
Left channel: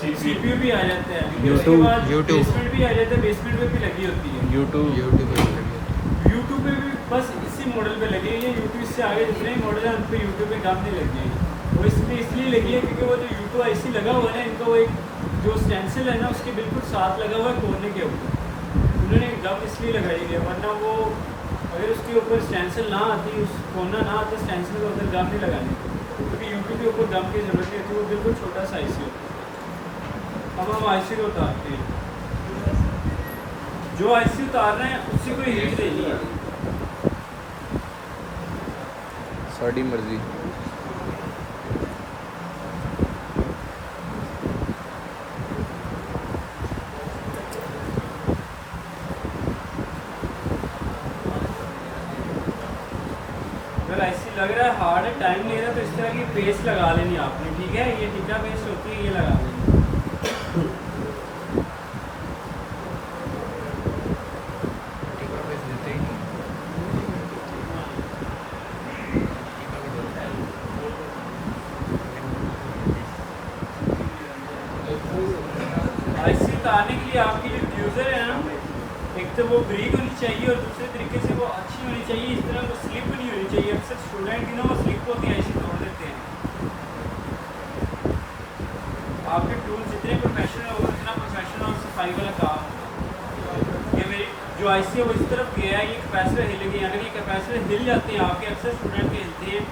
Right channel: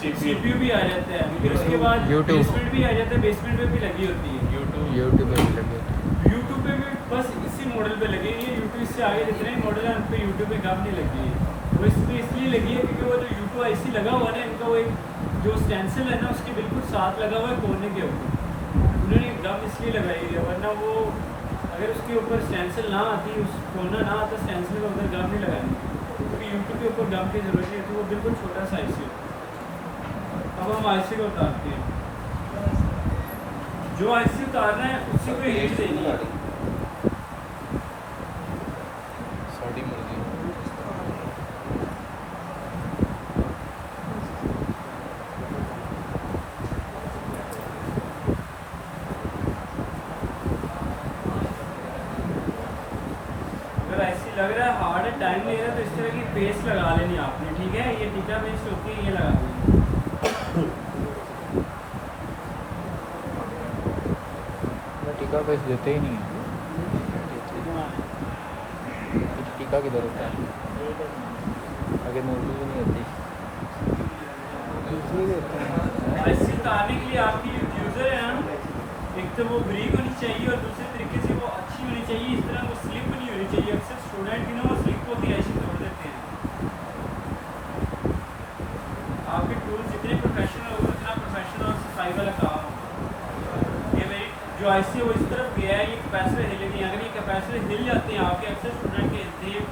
CPU भी आ जाता है, फिर उसके बाद YouTube। बेसमेंट भी आ जाता है, बेसमेंट पे भी लगी होती है। यूट्यूब पे भी लगी होती है। यूट्यूब पे भी बस इसी मॉडल पे लगी हुई है। यूट्यूब इससे आगे जितने भी मॉडल हैं उन पर यूट्यूब पे काम नहीं लगी है। वो इसलिए लगी है क्योंकि वो जो यूट्यूब IC लगा हुआ है ना, इनका वो एक जो स्टेंसिल है ना उसके बिल्कुल साथ लगा हुआ है कोने के ऊपर, उन्होंने गम इसलिए लगाई है, वरना वो अगर उसके ऊपर स्टेंसिल ना आती, उस कोना ना आता, स्टेंसिल का उधर गम नहीं लगानी, क्योंकि यूट्यूब के ऊपर गम की ज़रूरत नहीं होती, वो बिल्कुल छोटा सा IC होता है। अब हम IC को उतारते हैं। जो IC उतार रहे हैं उसी को हीट देनी है। साड़ी मर्जी। अगर IC लग रहा है हार्ड है, टाइम ले रहा है, तो इस तरह की पेस्ट लगा लेनी आपने, ठीक है। ये टीका पेस्ट होती है, ये लगा लेनी। टीका बेच देते ही नहीं। टीका किधर होता है? आगे मोटी नहीं होती। IC उतारने के लिए आपकी जो फ्यूज़र है ना, एक तो वो ब्रीक होनी चाहिए और दूसरे तरीके से वो अच्छी होनी चाहिए, इस तरह वो स्लिप नहीं होनी चाहिए। अक्सर स्टूडेंट की ना वो स्लिप होती है, IC तोड़ देते हैं। आपके टूल जितने प्रोफेशनल होगा उतना प्रोफेशनल और सफाई वाला काम होगा। ये मेरी जो IC है वो इस तरफ गया है, ये कैपेसिटर हिलेगी। अगर ये कैपेसिटर हिल जाते हैं आपके, अक्सर स्टूडेंट के हिलते हैं,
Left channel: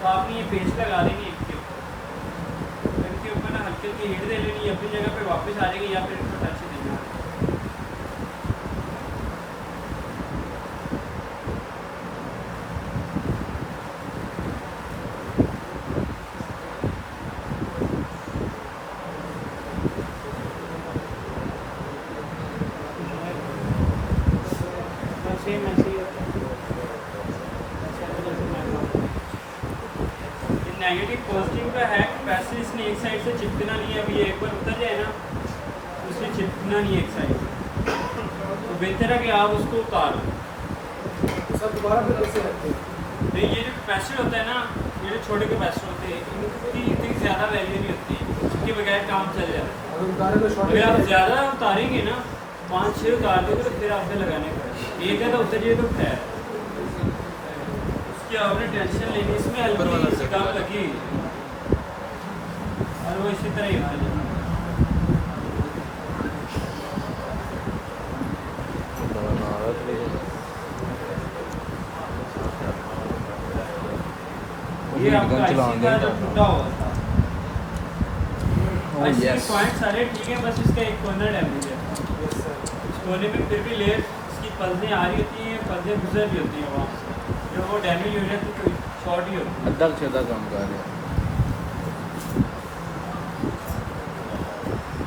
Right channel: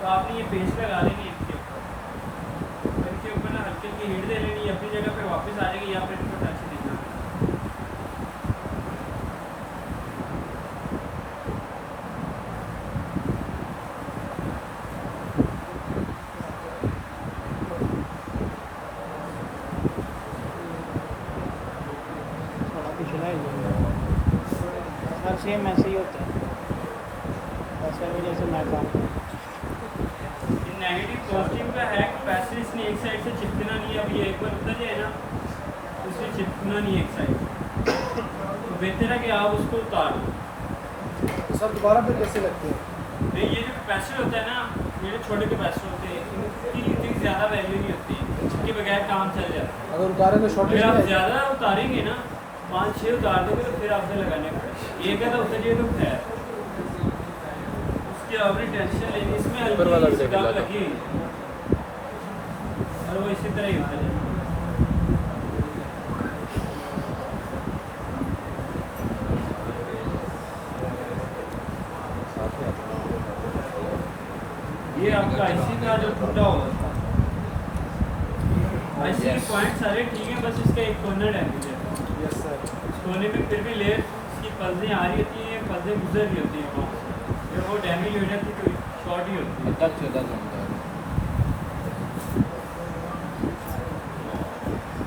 तो आपने ये पेस्ट लगा देनी है इसके ऊपर। फिर इसके ऊपर ना हल्की हल्की हीट दे लेनी है, अपनी जगह पे वापस आ जाएगी, या फिर इसको टच से देना। सेम ऐसे ही होता है, ऐसे भी जैसे मैप। ये नेगेटिव पॉजिटिव का है, कैपेसिटर इसने एक साइड से चिपकना नहीं है। अभी ये एक बार उतर जाए ना, तो उसने चिपकना नहीं है एक साइड से, तो बेहतर है कि आप उसको उतार लो। सब दुकान में कैसे लगती है? नहीं, ये जो कैपेसिटर होता है ना, ये जो छोटे कैपेसिटर होते हैं, इनकी इतनी ज़्यादा वैल्यू नहीं होती है, इसके बगैर काम चल जाता है। अगर उतारे तो शॉर्ट अगर आप ज़्यादा उतारेंगे ना, 5-6 उतार दोगे, तो फिर आपसे लगाने पड़ेगा। एक है तो उतर जाए तो खैर, उसकी आपने टेंशन लेनी। इसमें ऊपर वाला भी हल्की सी लगा गम लगी हुई है और वो इसी तरह ही होता है। ये आपका IC का जो टूटा हुआ था, IC के पॉइंट सारे ठीक हैं, बस इसका एक कॉर्नर डैमेज है। इस कोने में फिर भी लेयर इसकी पल्सें आ रही होती हैं, पल्सें गुजर रही होती हैं वहाँ से, जब वो डैमेज हो जाती है तो शॉर्ट ही होती है। अद्धा चौथा काम कर रहे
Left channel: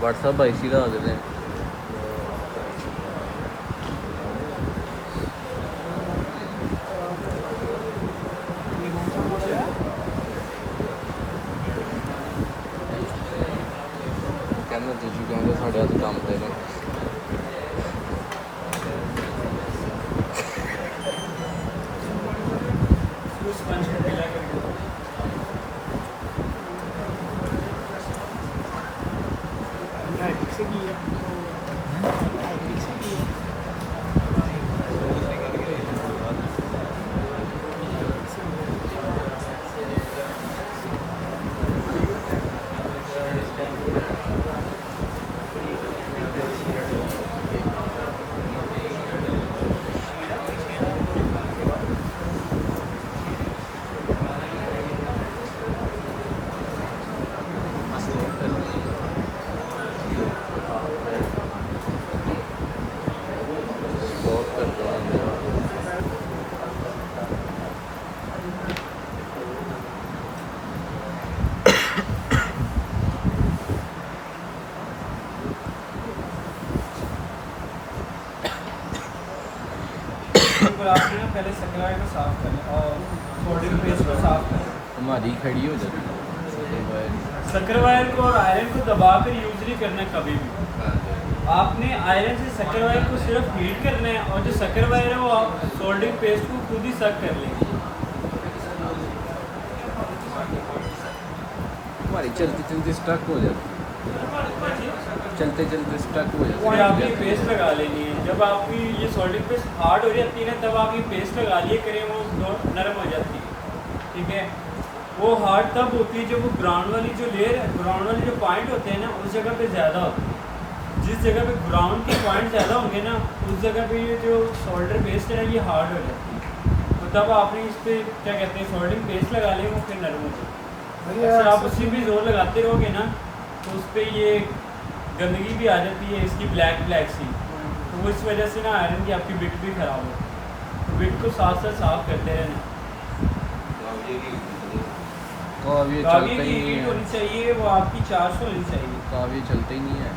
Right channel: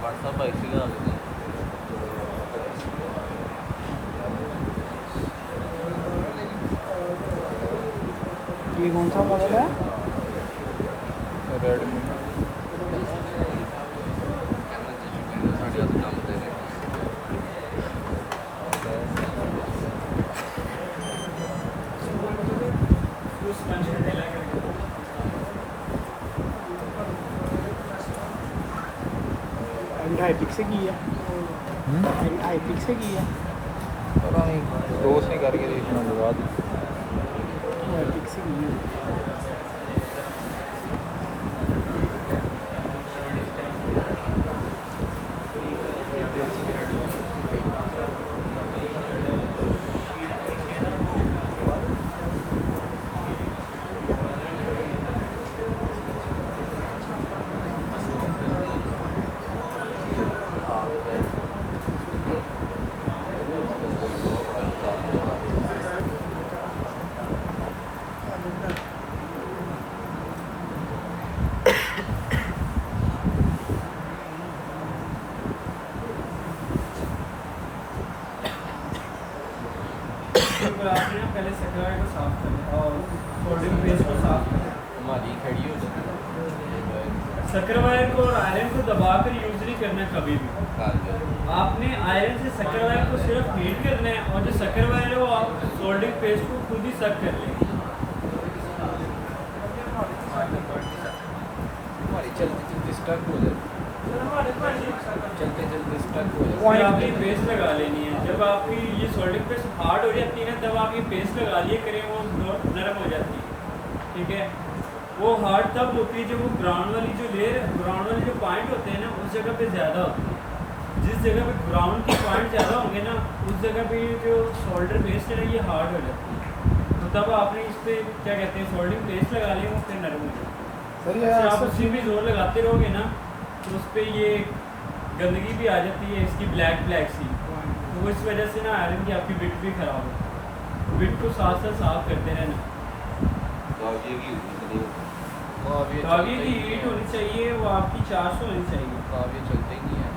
व्हाट्सअप IC का होते हैं। ये कौन सा बचा है? स्पंज का ढीला करके दो। एपिक से की है, एपिक से की है, रोज नहीं करके लगा दी। एपिक से की है। ऊपर आपने ना पहले सकराई को साफ करना और सोडियम पेस्ट को साफ करना। हमारी खड़ी हो जाए शक्कर वायर को और आयरन को दबाकर यूज नहीं करना कभी भी। आपने आयरन से शक्कर वायर को सिर्फ हीट करना है, और जो शक्कर वायर है वो आप सोल्डिंग पेस्ट को खुद ही सक कर लेंगे। हमारी चलती स्ट्रक हो जाता चलते चलते स्ट्रक हो जाता फिर आपने पेस्ट लगा लेनी है। जब आपकी ये सोल्डिंग पेस्ट हार्ड हो जाती है ना, तब आप ये पेस्ट लगा लिए करें, वो नरम हो जाती है। ठीक है, वो हार्ड तब होती है जब वो ग्राउंड वाली जो लेयर, ग्राउंड वाले जो पॉइंट होते हैं ना, उस जगह पे ज़्यादा होती है। जिस जगह पे ग्राउंड के पॉइंट ज़्यादा होंगे ना, उस जगह पे ये जो सोल्डर पेस्ट है ना, ये हार्ड हो जाती है। तो तब आपने इस पर क्या कहते हैं, सोल्डिंग पेस्ट लगा लें, वो फिर नरम हो जाती है। अगर आप उसी भी जोर लगाते रहोगे ना, तो उस पर ये गंदगी भी आ जाती है इसकी, ब्लैक ब्लैक सी। तो वो इस वजह से ना आयरन की आपकी बिट भी ख़राब होती है। तो बिट को साथ साथ साफ करते रहना। काविये की हीट होनी चाहिए, वो आपकी 400 होनी चाहिए। काविये चलते ही नहीं है।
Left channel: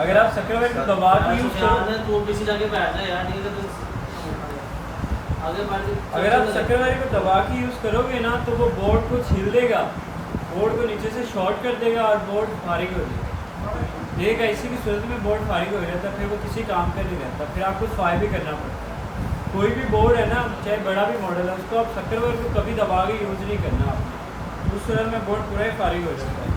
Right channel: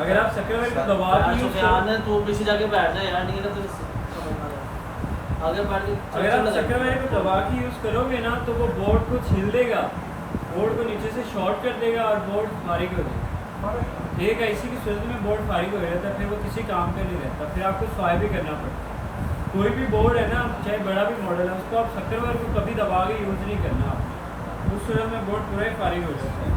अगर आप सक्रिय को दबा के यूज़ करो, तो किसी जाके बैठना है यार, नहीं तो आगे बढ़ के अगर आप सक्रिय को दबा के यूज़ करोगे ना, तो वो बोर्ड को छील देगा, बोर्ड को नीचे से शॉर्ट कर देगा और बोर्ड फारिग हो जाएगा। एक ऐसी की सूरत में बोर्ड फारिग हो जाता है, फिर वो किसी काम का नहीं रहता, फिर आपको सफाई भी करना पड़ता है। कोई भी बोर्ड है ना, चाहे बड़ा भी मॉडल है, उसको आप सक्रिय को कभी दबा के यूज़ नहीं करना आपने, उस सूरत में बोर्ड पूरा ही फारिग हो जाता है।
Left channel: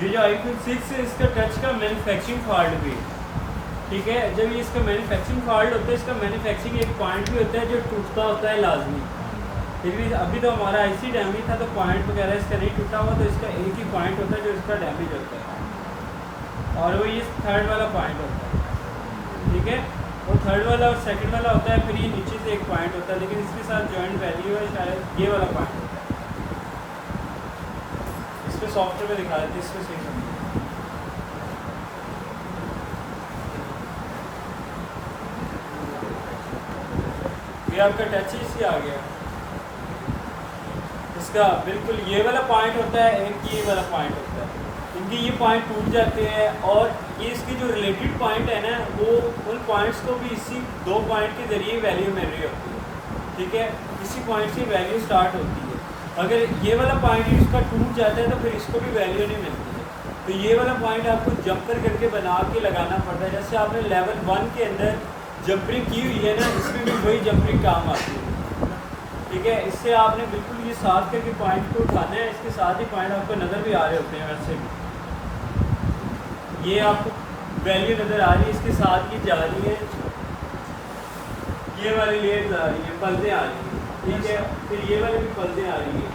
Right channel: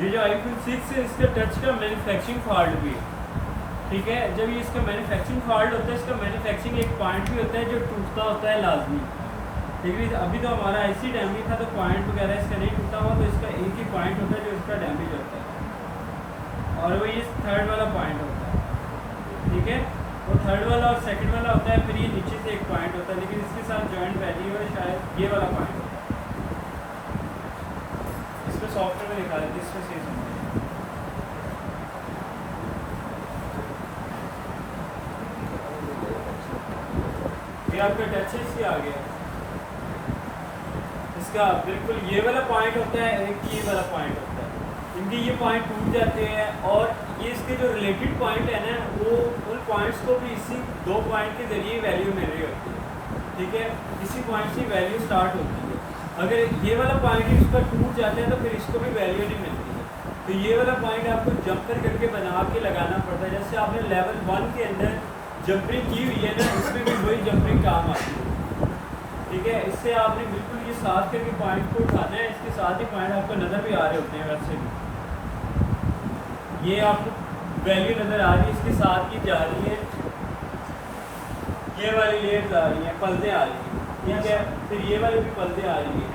ये जो iQOO 6 है, इसका टच का मैन्युफैक्चरिंग फॉल्ट भी है। ठीक है, जब ये इसका मैन्युफैक्चरिंग फॉल्ट होता है, इसका मैन्युफैक्चरिंग एक पॉइंट भी होता है जो टूटता होता है लाजमी। ठीक है, अभी तो हमारा IC डैमेज था, तो पॉइंट वगैरह इसका नहीं टूटा हुआ, तो इसका एक ही पॉइंट होता है जो इसका डैमेज होता है, और वो ये थर्ड वाला पॉइंट होता है। ठीक है, वो थर्ड वाला और सेकंड वाला होता है, फिर ये नीचे से एक पॉइंट होता है, लेकिन इसके साथ जॉइंट वैल्यू है शायद ये वाला पॉइंट होता है। इसको सॉफ्टवेयर में दिखा देते, इसको सही समझिए। ये आपका टच इसी आ गया, इसका बिल्कुल ये वाला पॉइंट होता है, एक ये वाला पॉइंट होता है, इनके ये पॉइंट टूट जाते हैं, और ये इसके जो रिलेटेड पॉइंट है ना, वो उन पॉइंट्स को भी इसी दो पॉइंट के ज़रिए वैल्यू मिल रही होती है। ठीक है, इसी पॉइंट से वैल्यू स्टार्ट होती है। अगर ये वाला पॉइंट ही उसका टूट जाता है, तो फिर इसको भी वैल्यू नहीं मिलती है। तो ये वाला पॉइंट आपको जंपर करके बना के लगाना पड़ता है। जैसे आपने लेवल 1 के अंदर जंपरिंग की हुई है ना, इसमें भी वही जंपरिंग काम आती है। ठीक है, इससे आपने बिल्कुल ये साथ करके पॉइंट को उठाना है, इसके साथ ही पॉइंट आपको नज़र भी आ रहे होते हैं। वैसे भी ये आपको वैल्यू नज़र आ रही है, इसके साथ ही जा रही है, ये वाली लेयर्स आ रही हैं, पलदें आ रही हैं। ठीक है, फिर ये वाली भी पलदें आ रही हैं,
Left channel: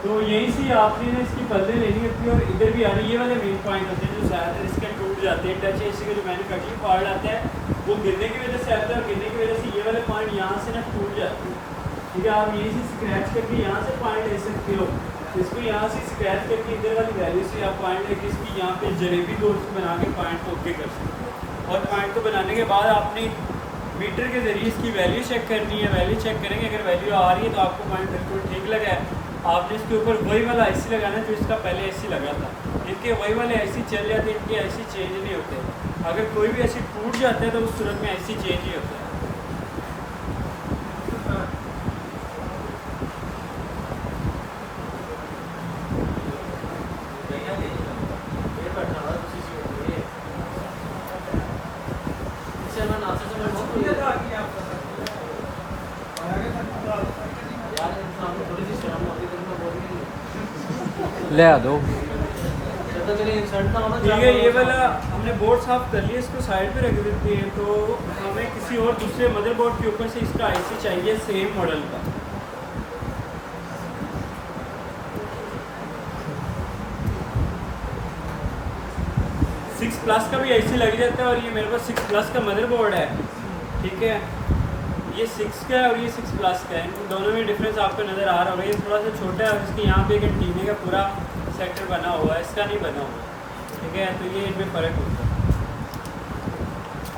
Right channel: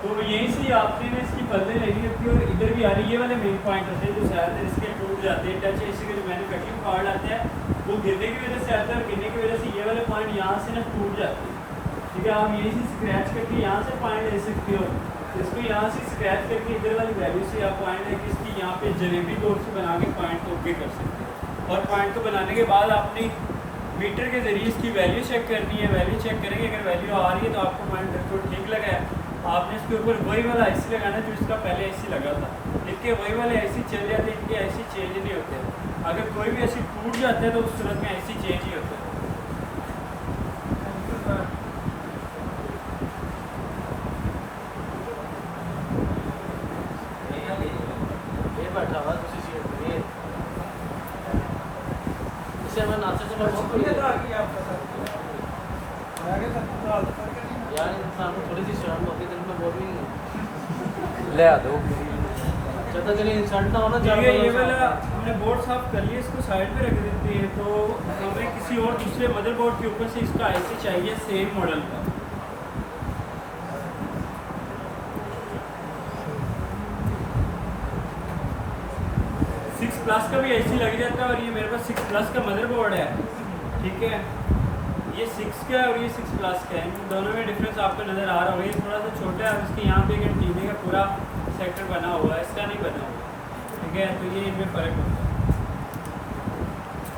तो यहीं से आपने इसकी पलदें लेनी होती है, और इधर भी आ रही है। ये वाले मेन पॉइंट होते हैं जो ज़्यादातर इसके टूट जाते हैं। टच इसी का जो मैन्युफैक्चरिंग फॉल्ट आता है, वो गिरने की वजह से आता है, और गिरने की वजह से ये वाले पॉइंट यहाँ से ना टूट जाते हैं। ठीक है, आप यहीं से स्क्रैच करके यहाँ से पॉइंट ले सकते हो, इसको यहाँ से स्क्रैच करके इधर वाली वैल्यू से आप पॉइंट लेके इसकी यहाँ पे जलेबी दौर से बना के पॉइंट को ओके कर सकते हो। और पॉइंट को बनाने के बाद आपने मीटर के ज़रिए इसकी वैल्यू चेक करनी है। वैल्यू चेक करेंगे, अगर वैल्यू आ रही है तो आपको पॉइंट बिल्कुल ठीक लगा है। आपने इसके ऊपर वही वाला IC लगाना जो इसका पहले IC लगा था। इनके वही वाले IC चल जाते हैं, इनके IC चेंज नहीं होते। अगर कोई भी IC टूट जाता है तो उस सूरत में IC चेंज ही होता है। ले आ दो। ठीक है, ये वाला हमने बोर्ड साफ कर लिया, इसको साइड पे रख देते हैं। तो हमें किसी और दूसरे मदरबोर्ड के ऊपर से इसका IC चाहिए सेम मॉडल का। प्लस का भी IC लग जाता है, और ये मेरे पास 6 प्लस का मदरबोर्ड है। ठीक है, ये 6 का है और ये 6 प्लस का है, इन दोनों में डिफरेंस आपको नज़र आ रहा होगा। ये थोड़ा सा छोटा है, और इसके यहाँ पे एक एंटीने का पूरा सेक्टर बना हुआ है, इसका नहीं बना हुआ। ठीक है, तो ये इनमें फ़र्क होता है।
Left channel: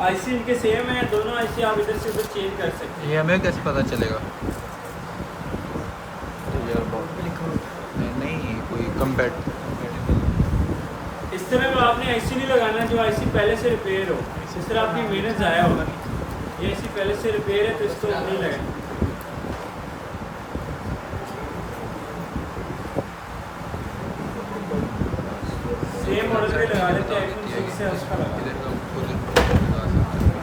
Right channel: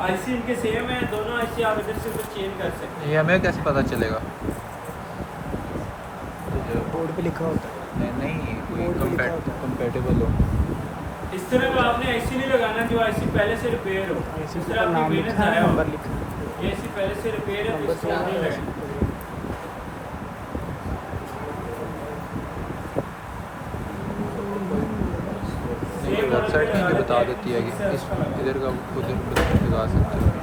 आईसी इनके सेम है, दोनों आईसी आप इधर से उधर चेंज कर सकते हैं। ये हमें कैसे पता चलेगा? नहीं नहीं, कोई कंपैटिबल हो। इस तरह का आपने आईसी नहीं लगाना जो आईसी पहले से रिपेयर हो, इस तरह आपकी मेहनत ज़ाया होगा। ये आईसी पहले से रिपेयर है तो इसको नहीं लगाना। सेम मॉडल के लगा लेते हैं, iPhone 6 है उसका लगा। इधर का उधर लगा सकते हैं।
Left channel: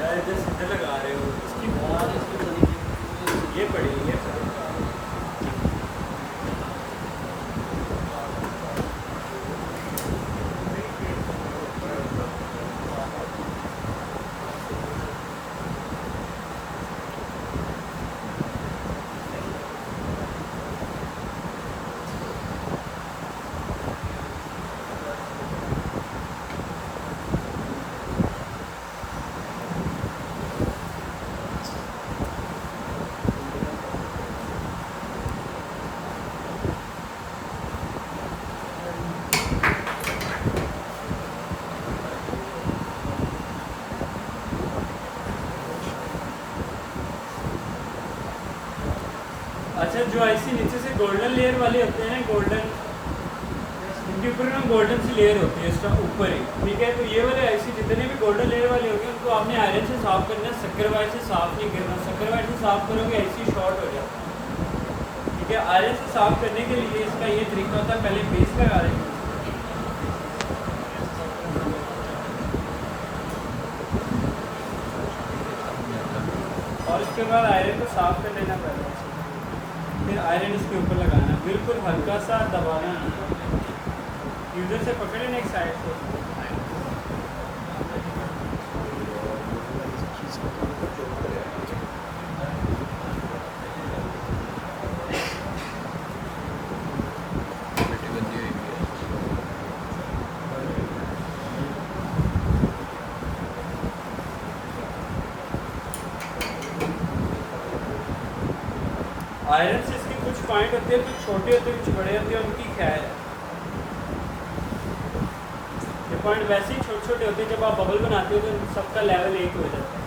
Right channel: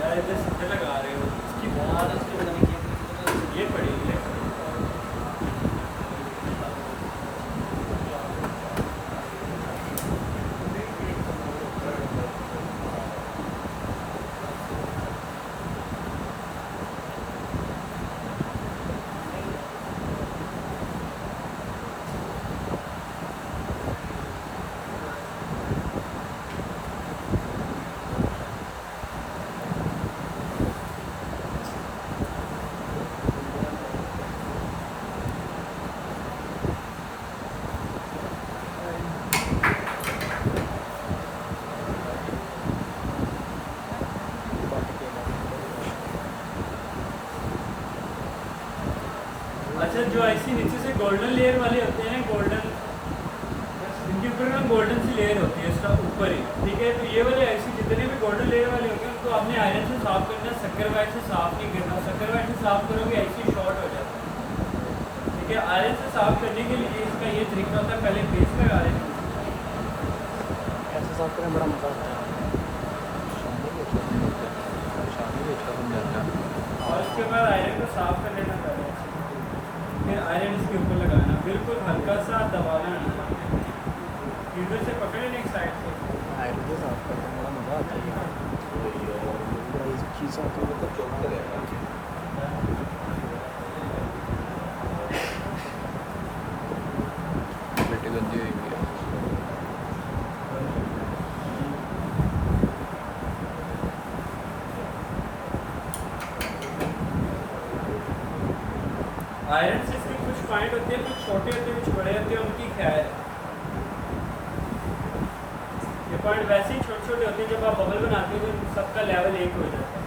यार इधर सीधे लगा रहे हो, इसकी ये पड़ी, ये पड़ी। अच्छा, जो आईसी नीचे से गोल्डन लेयर वाले होते हैं, गोल्डन, इनके ऊपर ना गोल्डन सी लेयर होती है इसका ऊपर ही, ठीक है। तो ये वाले आईसी जितने भी गोल्डन लेयर वाले होंगे उनको आपने आयरन से साफ करना, शक्कर वायर से साफ नहीं करना। शक्कर वायर से साफ करोगे आईसी शॉर्ट हो जाता है, ठीक है। आयरन से साफ करने के लिए इसका ये तरीका होता है, पहले बेस लगा देंगे, और उसके बाद आयरन को साफ कर लेना पहले, फिर आयरन इसके ऊपर लगाना, बिल्कुल हल्का सा दबाना, इधर से पकड़ लेना एक साइड से। बेटी गंदी हुई है। आयरन से इसके कुछ पॉइंट होते हैं, कुछ छोटे होते हैं, कुछ बड़े होते हैं, उनकी खैर है। ये पॉइंट वैसे ही छोटे छोटे होते हैं, जब आप बबल बनाते हो तो इन सबका लेवल एक हो जाता है।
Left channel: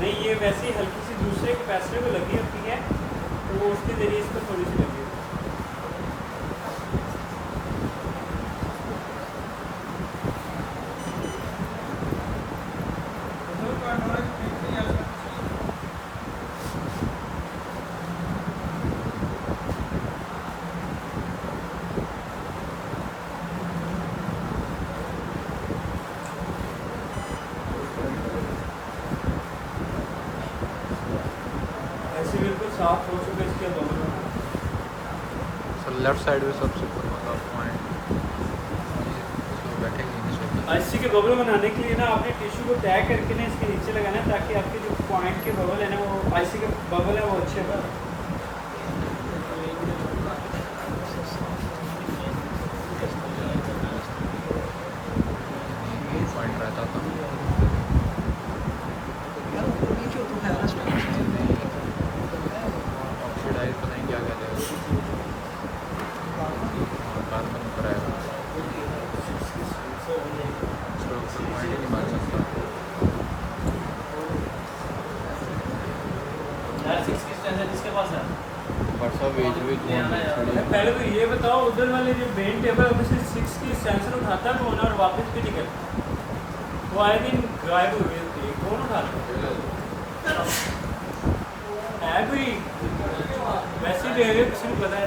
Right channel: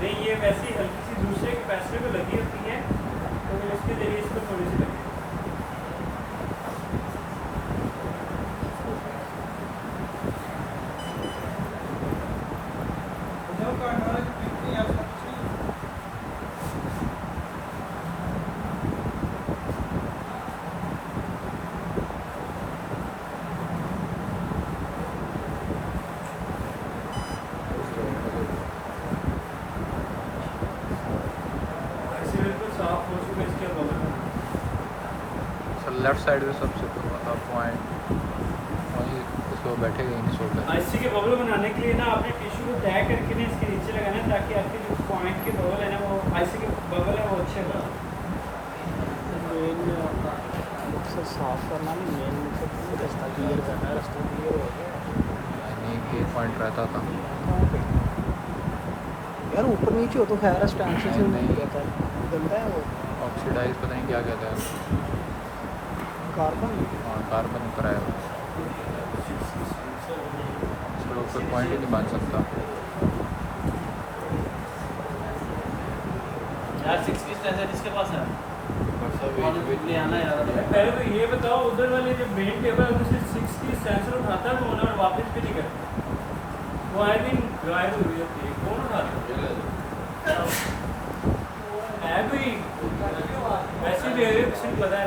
नहीं, ये वैसे ही हल्की सी दूसरे कैपेसिटर को लगी होती है, तो वो उसके जरिए इसको थोड़ी सी लगी। ऐसे बिल्कुल साफ हो चुका है इसके बगल में। सर लेफ्ट साइड में सबसे ऊपर पॉइंट तो बैठेगा ही नहीं सोता। आईसी के बबल बनाने के लिए ना आपने टिश्यू को तय करके ना इसके नीचे लगाना है, ताकि आपके जो पॉइंट के बबल है ना, वो आईसी के बबल है वो अच्छे बने। एक पॉइंट रहता था। ऊपर नीचे हो तो खैर नहीं ऑक्सीडाइज पता नहीं क्या कहते हैं। हाँ कार्बन ऊपर आया, उसके ऊपर पॉइंट ही नहीं बन सकता। यार 6 की स्ट्रेंथ है जिसके पास है ले आना यार पहले तो ये बताओ, उधर वाले जो मेन टेबल है उसमें 6 की सेंसर उठाता कौन है और वापस भी नहीं करता? वो आई थिंक गायब हो गई होती है, कौन उठाता है? कोई वैसे दे रहे किसी को पता है?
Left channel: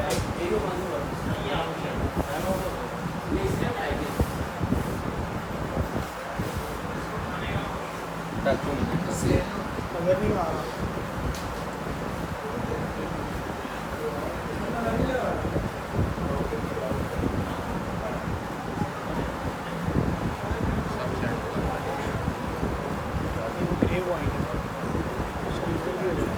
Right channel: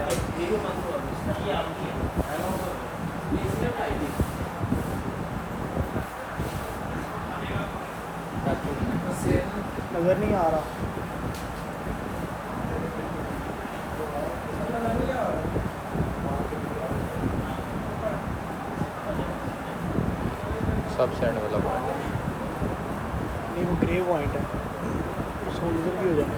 उधर नहीं आ रहा। सब साइड वाला ये ग्रे पॉइंट है, इसको यूज भी हो जाए।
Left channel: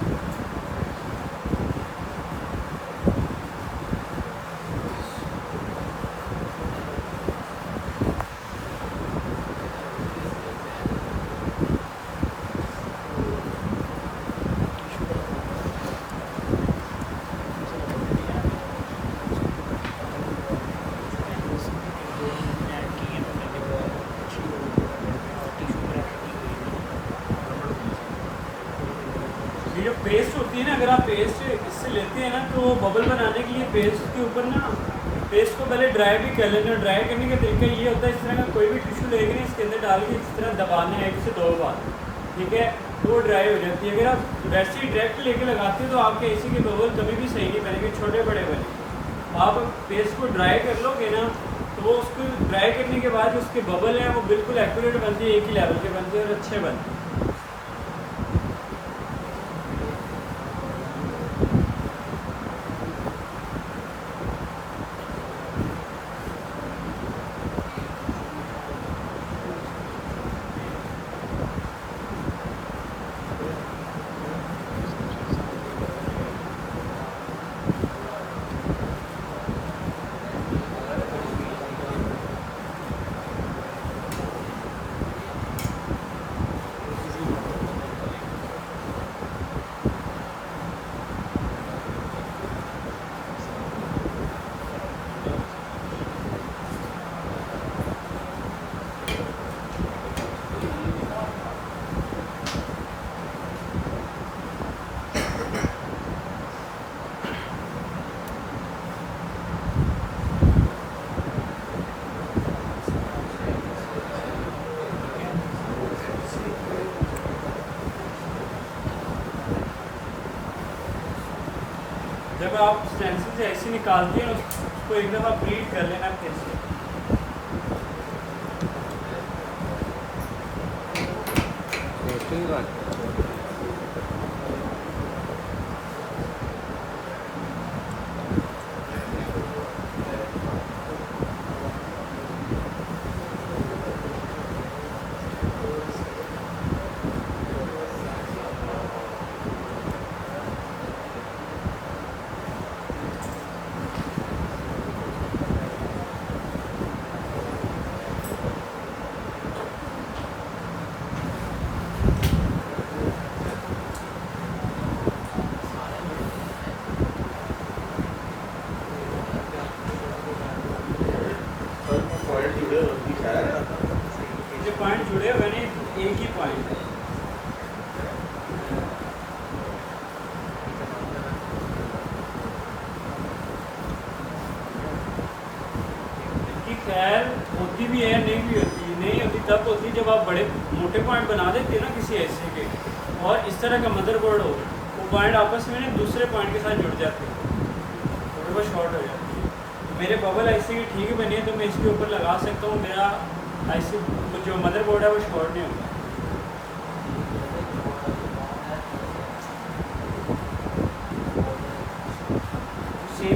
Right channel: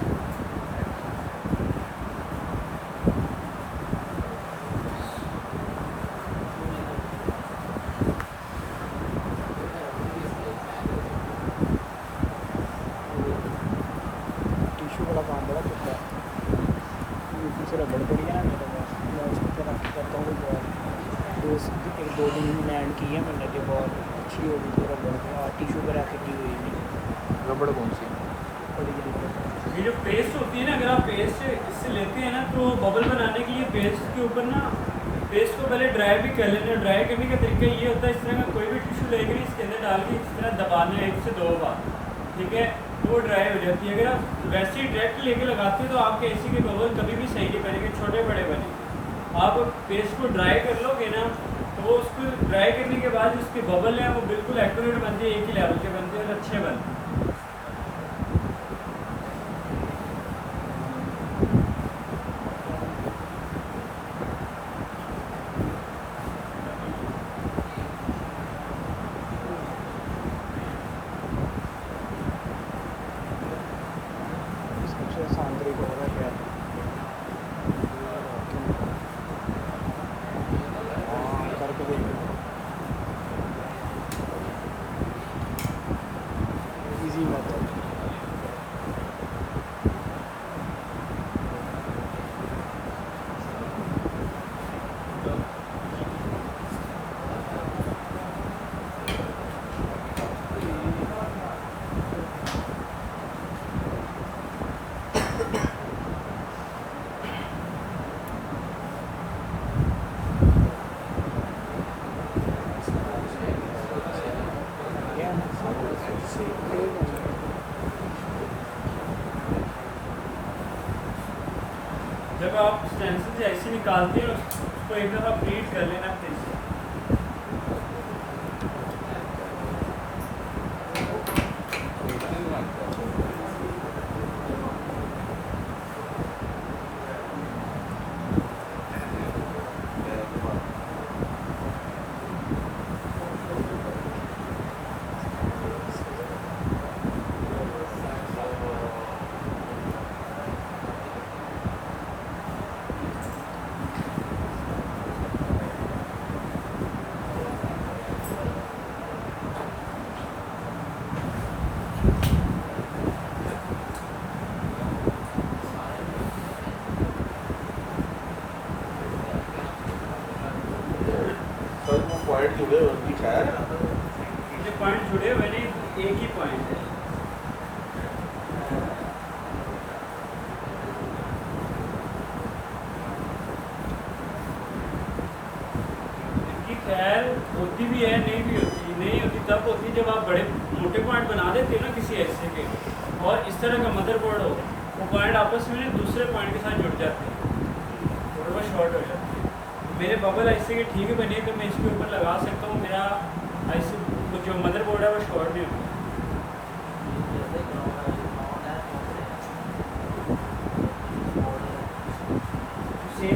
टिश्यू वाला काम है, इसमें से रबर करी है, तो इसके दो लैंड की है, मैंने देखा अच्छी हो गई टिश्यू पर ऐसे की गई है। रबड़ कौन सी? ये जो पेस्ट होती है ना, अगर आप पेस्ट इससे लेते हैं ना तो बबल बनाने के लिए पेस्ट के ऊपर ना पेस्ट को पहले ड्राई भी कर लेना। ड्राई करने का तरीका ये होता है, इस तरह का कोई भी टिश्यू लेके ना इसके अंदर डाल के इस तरह दबाना है 1 से 2 बार, ठीक है, तो वो ड्राई हो जाती है। अगर आप वैसे ही डायरेक्ट लेके लगाते हो तो आपके एसी के बबल कभी भी सही नहीं बनेंगे, छोटे बड़े बने। आप पेस्ट को ड्राई कर लोगे ना तो वो उसको ड्राई करने के बाद उसके बबल हैं वो बिल्कुल एक्यूरेट बनते हैं, एक ही लेवल के बनते हैं और अच्छे बनते हैं। जब आप स्टेंसिल से ऐसे निकालते हैं उसको एक दफ़ा ब्रीड कर लेना फिर से। जो पॉइंट जुड़े हुए नहीं, एक ही पॉइंट है। इनकी खैर होती भी है, नहीं भी होती, नहीं होती तब होती जब आप बड़े मोटे पॉइंट बना देते हो ना किसी ऐसे के, और इस तरह का मदरबोर्ड हो, वो पॉइंट आपस में दूसरे पॉइंट के साथ जुड़ जाते हैं और वो शॉर्ट हो जाती है। तो मेरे बबल ऐसे के ठीक बने तो मैं इसके ऊपर लगा सकता हूँ, मेरा ऐसे जो मदरबोर्ड है वो शॉर्ट नहीं होगा।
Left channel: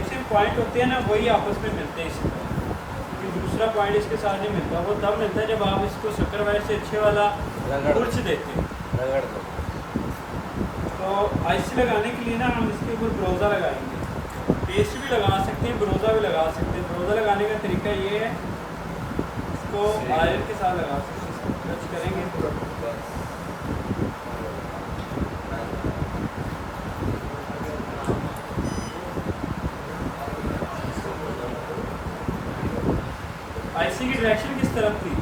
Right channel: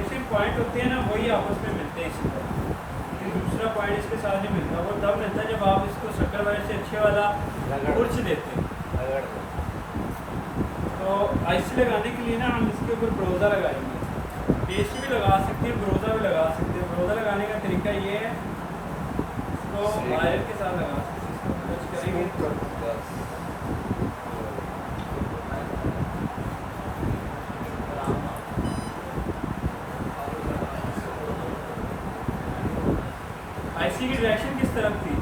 सेम पॉइंट होते हैं ना वही आपस में मिलते हैं इसी तरह, कि दूसरा पॉइंट इसके साथ नहीं मिलता। वो तब मिलता है जब आप इसको शक्कर वायर से अच्छे वाला कुर्च देते हैं। तो आईसी लगाने के लिए ना हम इसके ऊपर ब्रोजा लगाएंगे, पेस्ट भी लगा सकते हैं, ब्रोजा भी लगा सकते हैं। ब्रोजा लगाने का तरीका ये है, इसको आयरन के साथ लगा सकते हैं, इसको टच करेंगे तो आईसी की डायरेक्शन किस तरफ थी?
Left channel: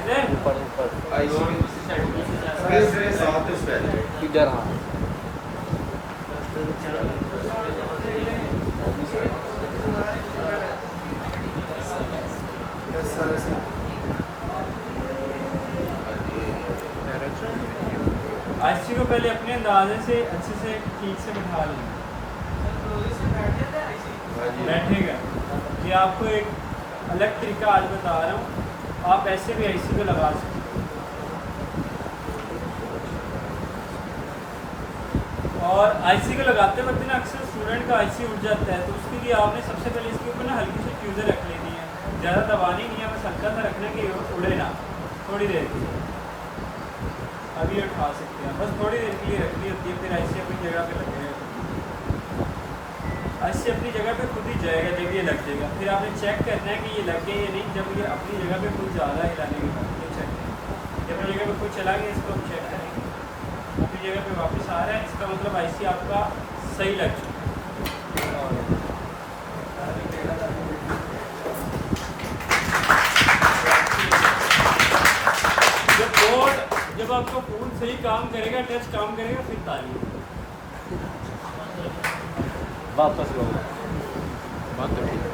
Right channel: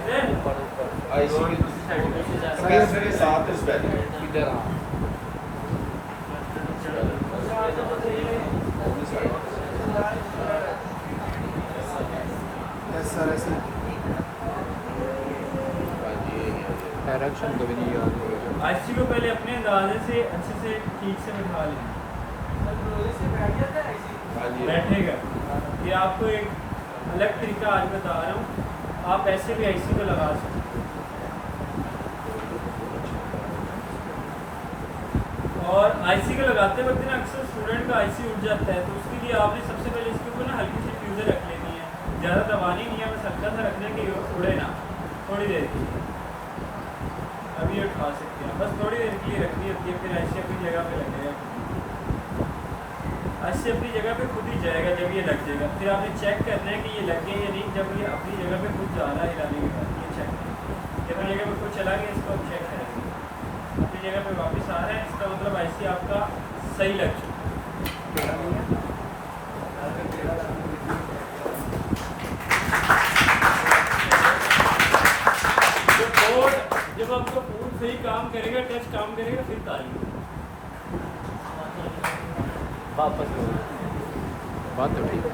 इधर? कैपेसिटर के साथ इस बैग इधर आईसी को पहले अपने अंदाजे से अच्छे से ठीक से बिठा लें, बैठेगा। ये आपको एक अलग तरीका आज बता रहा हूँ, आप ऐसे भी आईसी को लगा सकते हैं। और आईसी को लगाते वक्त ना अक्सर स्टूडेंट का आईसी उठ जाता है, तो उसके लिए आपने सबसे पहले इसके ऊपर ना हल्की सी फ्यूज़र रख लेनी है। ज़्यादा दबानी नहीं है, बस हल्का सा रखना कि ये उड़े ना थोड़ी देर के लिए। अभी ये उठा सकते हैं, बस थोड़ी देर के लिए रखनी होती है, फिर आईसी अपनी जगह पे लगेगा। आईसी अपनी जगह पे खुद ही जाएगा जब ये लग जाएगा। फिर आपने चेक करना है कि ये लग गया या नहीं। जब ये अपनी जगह पे खुद जा रहा है हिलाने के बाद ये चेक करें। जब अपनी जगह पे खुद चला गया, इसको हम चेक करेंगे। अपनी जगह पे वापस आ रहा है, इसका मतलब आईसी आपका सही लग चुका है। जब आपका फ़ोन सही काम करेगा, टच काम करेगा, फिर ताली। वापस लो, बात तो ठीक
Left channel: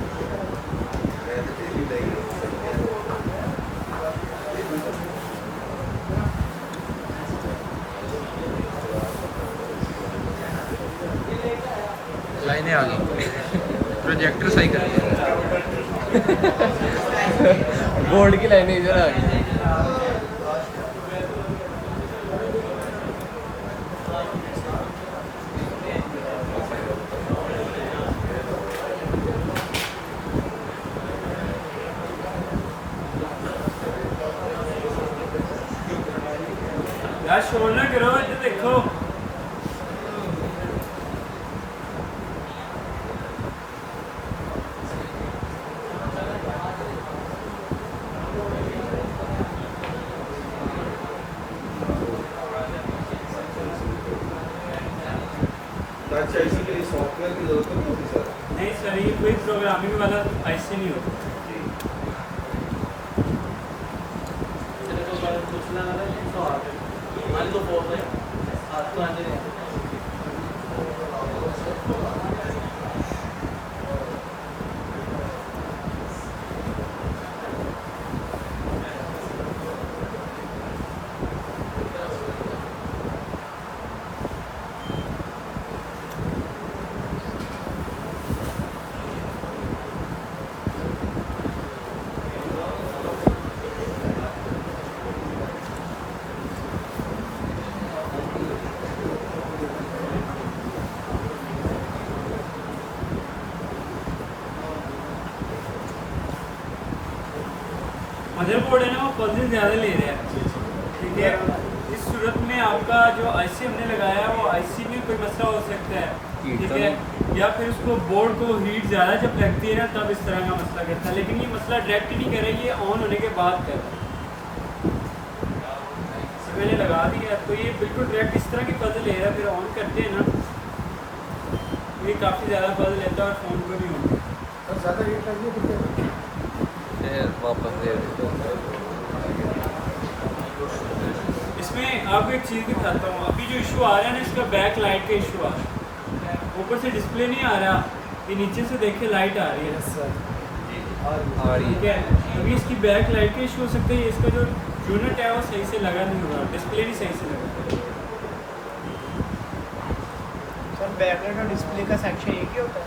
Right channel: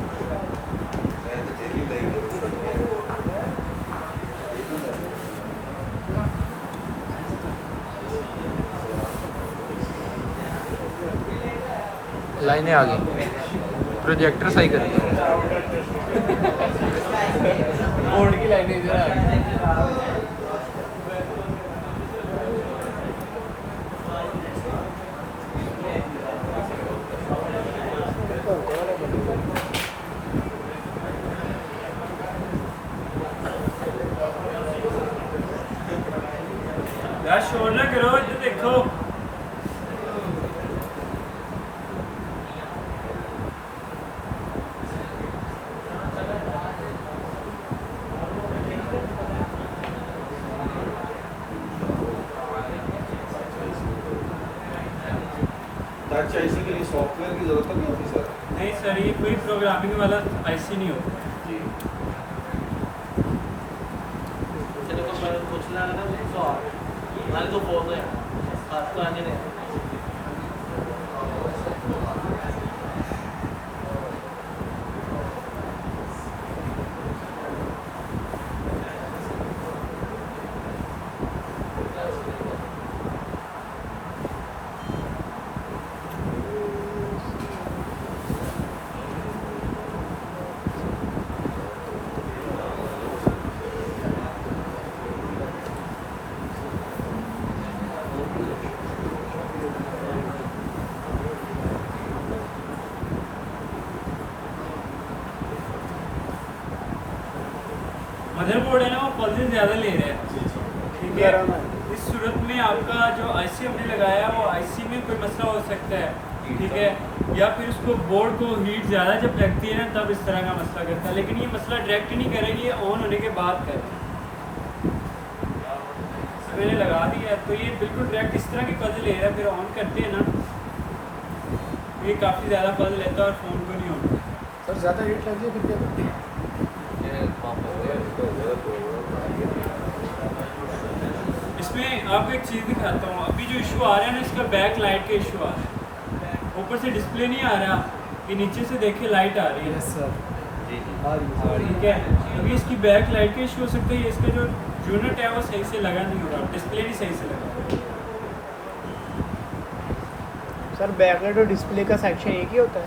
लाइनें आ गई, प्रोजेक्टर सही कर दिया। बोर्ड की लाइनें इधर आ गई। यार शोर ना करो, इधर देखो। अच्छा, इसीलिए सॉफ्टवेयर की जरूरत नहीं होती सर। नहीं सर, ये कोई प्रोग्रामिंग वाला आईसी नहीं होता। मदरबोर्ड है ना, वो पल्सेस ज़्यादा ले रहे हैं, ठीक है। इस सूरत में आपका जो आईसी हमने लगाया है, वो आईसी में कोई मसला हो सकता है, ठीक है। या फिर उसको बोर्ड को हीट ज़्यादा जब लगती है ना, तब इस तरह का मसला करता है। लेकिन ये मसला डायरेक्ट नहीं करेगी, ये ऑन होने के बाद कर मैंने लगा दिया, तो ये बिल्कुल डायरेक्ट इस तरह की पजल ले रहा है। फिर ऑन करते हैं ना, ये काफ़ी ज़्यादा पजल लेता है और फ़ोन को नहीं होता। और ज़्यादा रेट लगेगी इसमें आपको एक चीज़ दिखाता हूँ। अभी जो इशू आ रहा है ना, इसका बैक लाइट का इशू आ रहा है। ऊपर से डिस्प्ले नहीं आ रहा, ये नीचे से देखिए लाइट आ रही है, ठीक है। अभी इसकी बैक लाइट का इशू हो सकता है। इसका जो यूनिट है वो सही से लगा नहीं होगा, डिस्प्ले भी सही से लगा। सर बैकलाइट और डिस्प्ले का सेक्शन एक ही होता है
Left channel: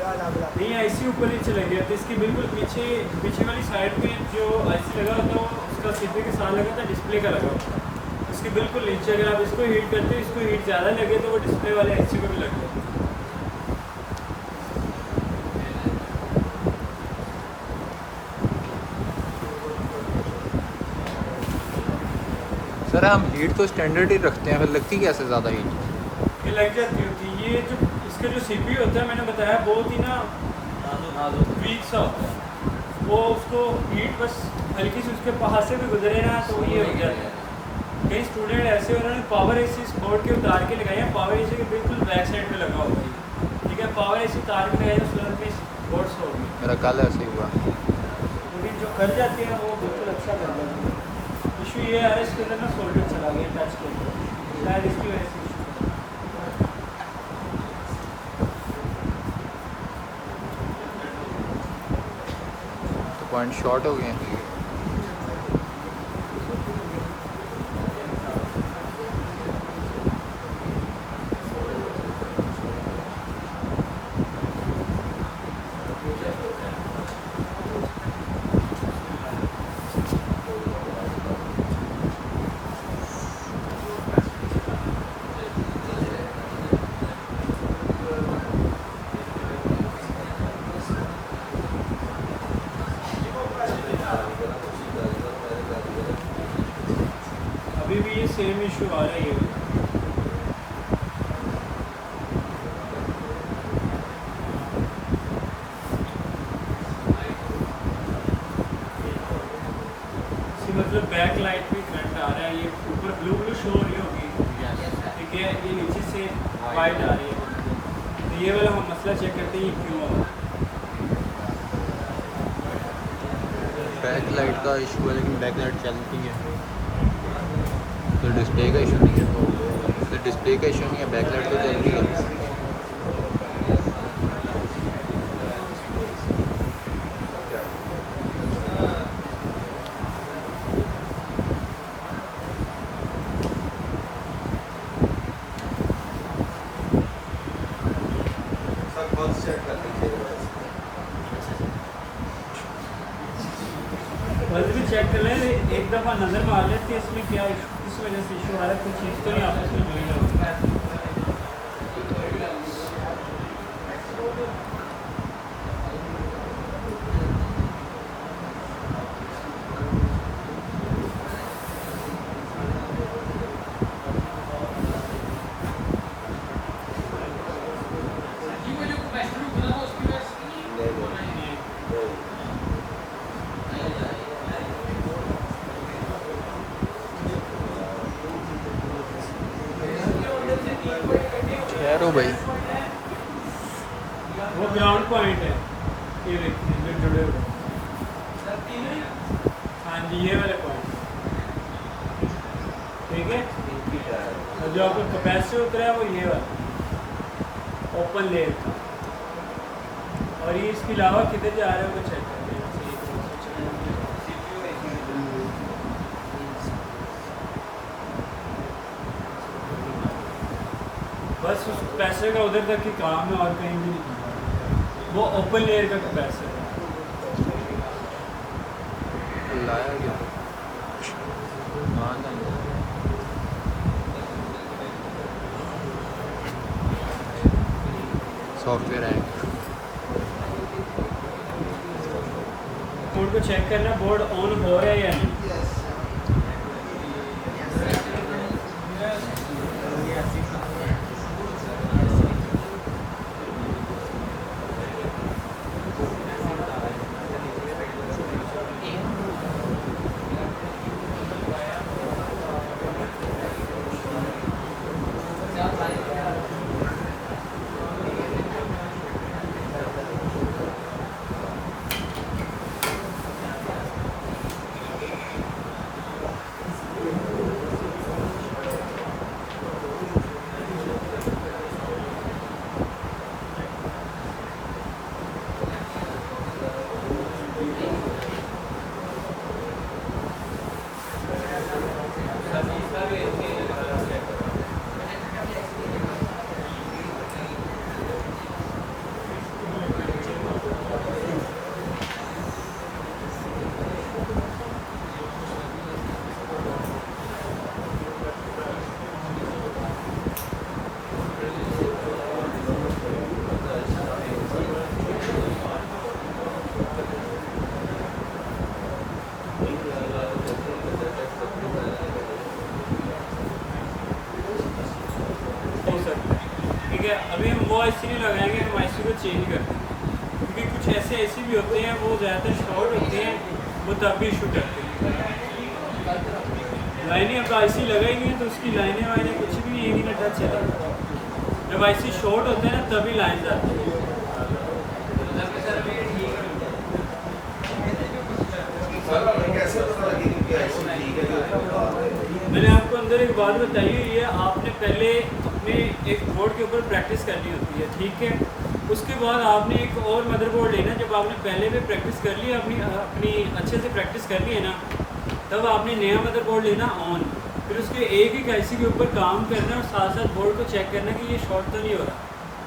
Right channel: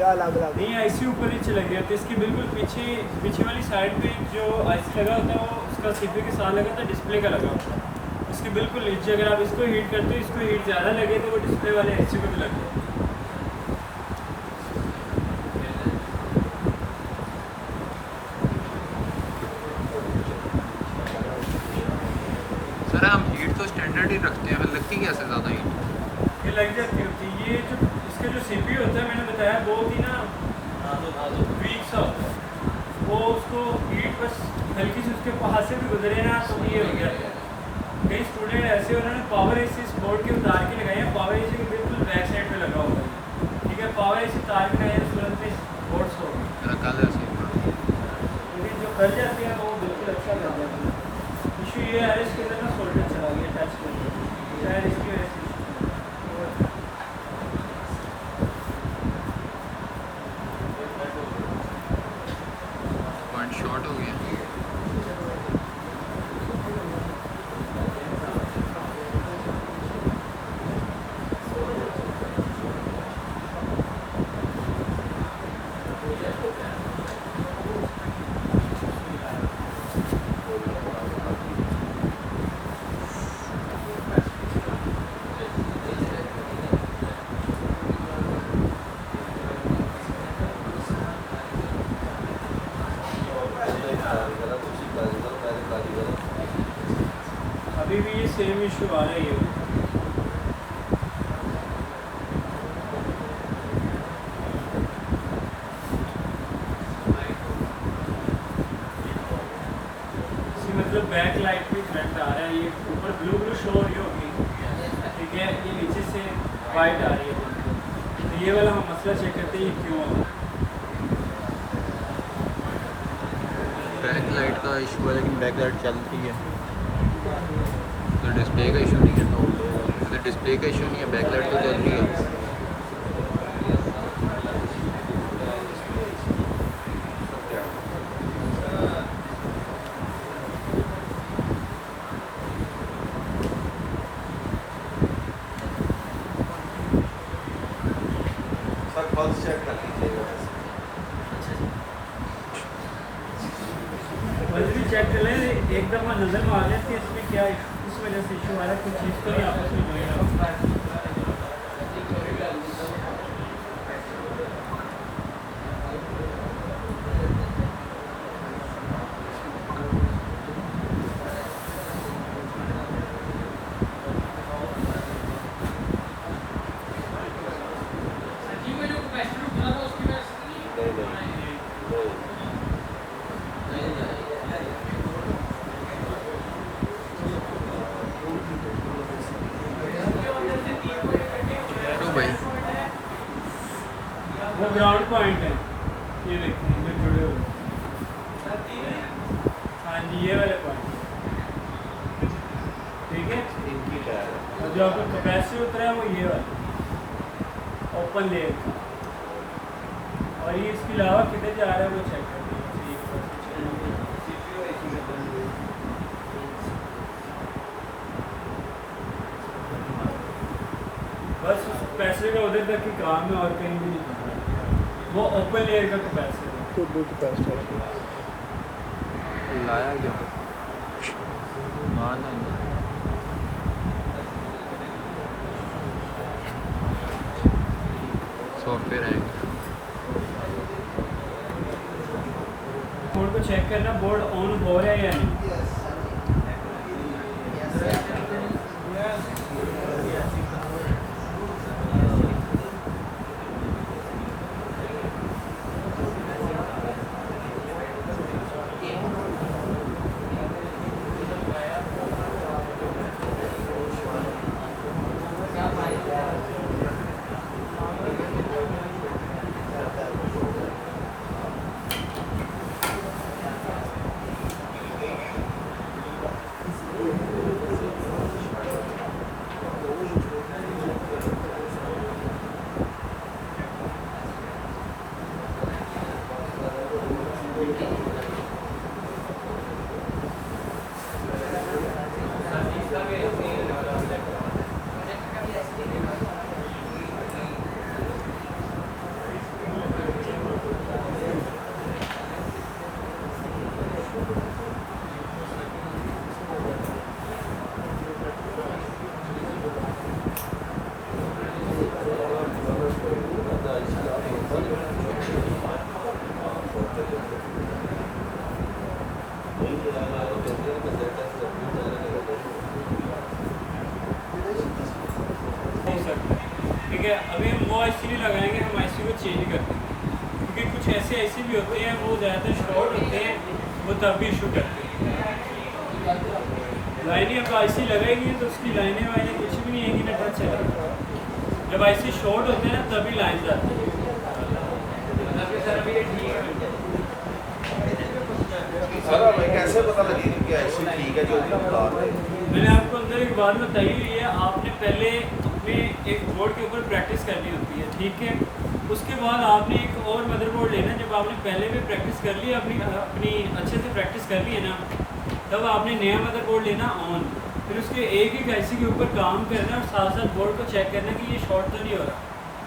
या अलग अलग? नहीं, आईसी ऊपर नीचे लग गया, तो इसकी बिल्कुल पीछे वाली साइड पे जो आईसी लगा होता है, वो उसका सीपी के साथ लगा था, डिस्प्ले का लगा होता है। इसके बिल्कुल नीचे अगर आप इसको हीट करते हो, इसको हीट ज़्यादा लगे तो वो डिस्प्ले वाले आईसी को भी लग जाता है। सर हम हीट तो स्टैंडर्ड ही रखते हैं, फिर लगती कैसे ज़्यादा हीट? ये लग जाती होती है। ये जो इसका जो सीपी होता है, मैंने बताया बहुत ही ना वीक सा होता है। वो उसको हीट बस हल्की सी उसके पास से भी गुजरे ना, तो ये हो जाता है। कई स्टूडेंट ऐसे उन्होंने पावर एसी इस बोर्ड के उतार के लगाए हैं, पावर एसी के बिल्कुल बैक साइड पे लगा होता है, ठीक है। पावर एसी उतार के लगाए स्टूडेंट में बोर्ड सो मेरा कल ऐसे ही हुआ। लेकिन जो कर जाती है ना, वो बिल्कुल अच्छा लग जाता है। इशू ये है इसके अंदर ना सोल्डर चला गया टच करके, शायद इसकी वजह से पॉइंट शॉर्ट हो गए हैं। अभी भी ये सेम इशू आ रही है। इसी मतलब बैक लाइट में करंट आ रहा है, ये ऊपर ब्लू ब्लू शो हो रही होगी, ठीक है, ये नीचे से वाइट आ रही है। तो ये वाला हम मसला चेक करते हैं ये क्यों हो रहा है। बैक लाइट का इशू है, लेकिन बैक लाइट चलती है तो डिस्प्ले का इशू नहीं है। तो डिस्प्ले का इशू नहीं है, बैक लाइट तो चल रही है। सर पल्स चेक कर लीजिए। वैसे भी चेक कर लें, एक दफ़ा नज़र मार लेते हैं इसमें क्या इस वजह से इशू आ रहा है, कुछ चीज़ तो नहीं आपस में जुड़ी है। तो भाई वो ग्राउंड पॉइंट है, ये देखते हैं जो जुड़े हुए। हाँ जी, ये वाले पॉइंट, ठीक है। और जो आपका कैपेसिटर उतरा है वो ये वाला ओपन लेयर का, और ये इसके अलावा किधर जा रहा है वो चेक कर लें। बस उस कैपेसिटर का उधर तक ही काम है और कहीं भी नहीं करना। वो ओपन लेयर का कैपेसिटर है। लाया क्यों? हाँ ना, सॉफ्टवेयर है। बोर्ड को चेक करना, बोर्ड ऑन हो रहा है या नहीं। हो सकता है, ठीक है। अभी हम वो IC नहीं लगाएंगे, हम IC को चेंज करते हैं, क्योंकि कुछ ऐसे IC भी होते हैं वो ज़्यादातर शॉर्ट होते हैं, वो तब भी इशू करते हैं। लाइनें अब IC लगा ही नहीं है तो उसकी लाइनें वाइनें कुछ भी नहीं आएंगी ना, टच चलेगा। जब IC शॉर्ट होते हैं ना तभी लाइन जाती है। सर कैसे पता लगेगा कि ऐसी ठीक है जो मैंने आपको अंदर एक बात बताई हुई है, आपने पहले अपने एक बोर्ड के ऊपर प्रैक्टिस करनी होती है, ठीक है। उसके बाद आपने एक और मदरबोर्ड लेना। जब आपने पहले भी प्रैक्टिस कर ली, अपनी अच्छे से प्रैक्टिस कर ली है ना, तब आपने नया मदरबोर्ड लेना ऑन। फिर उसके एक एक आईसी के ऊपर काम करना और साथ साथ बोर्ड को चेक करना कि ये शॉर्ट तो नहीं हो रहा,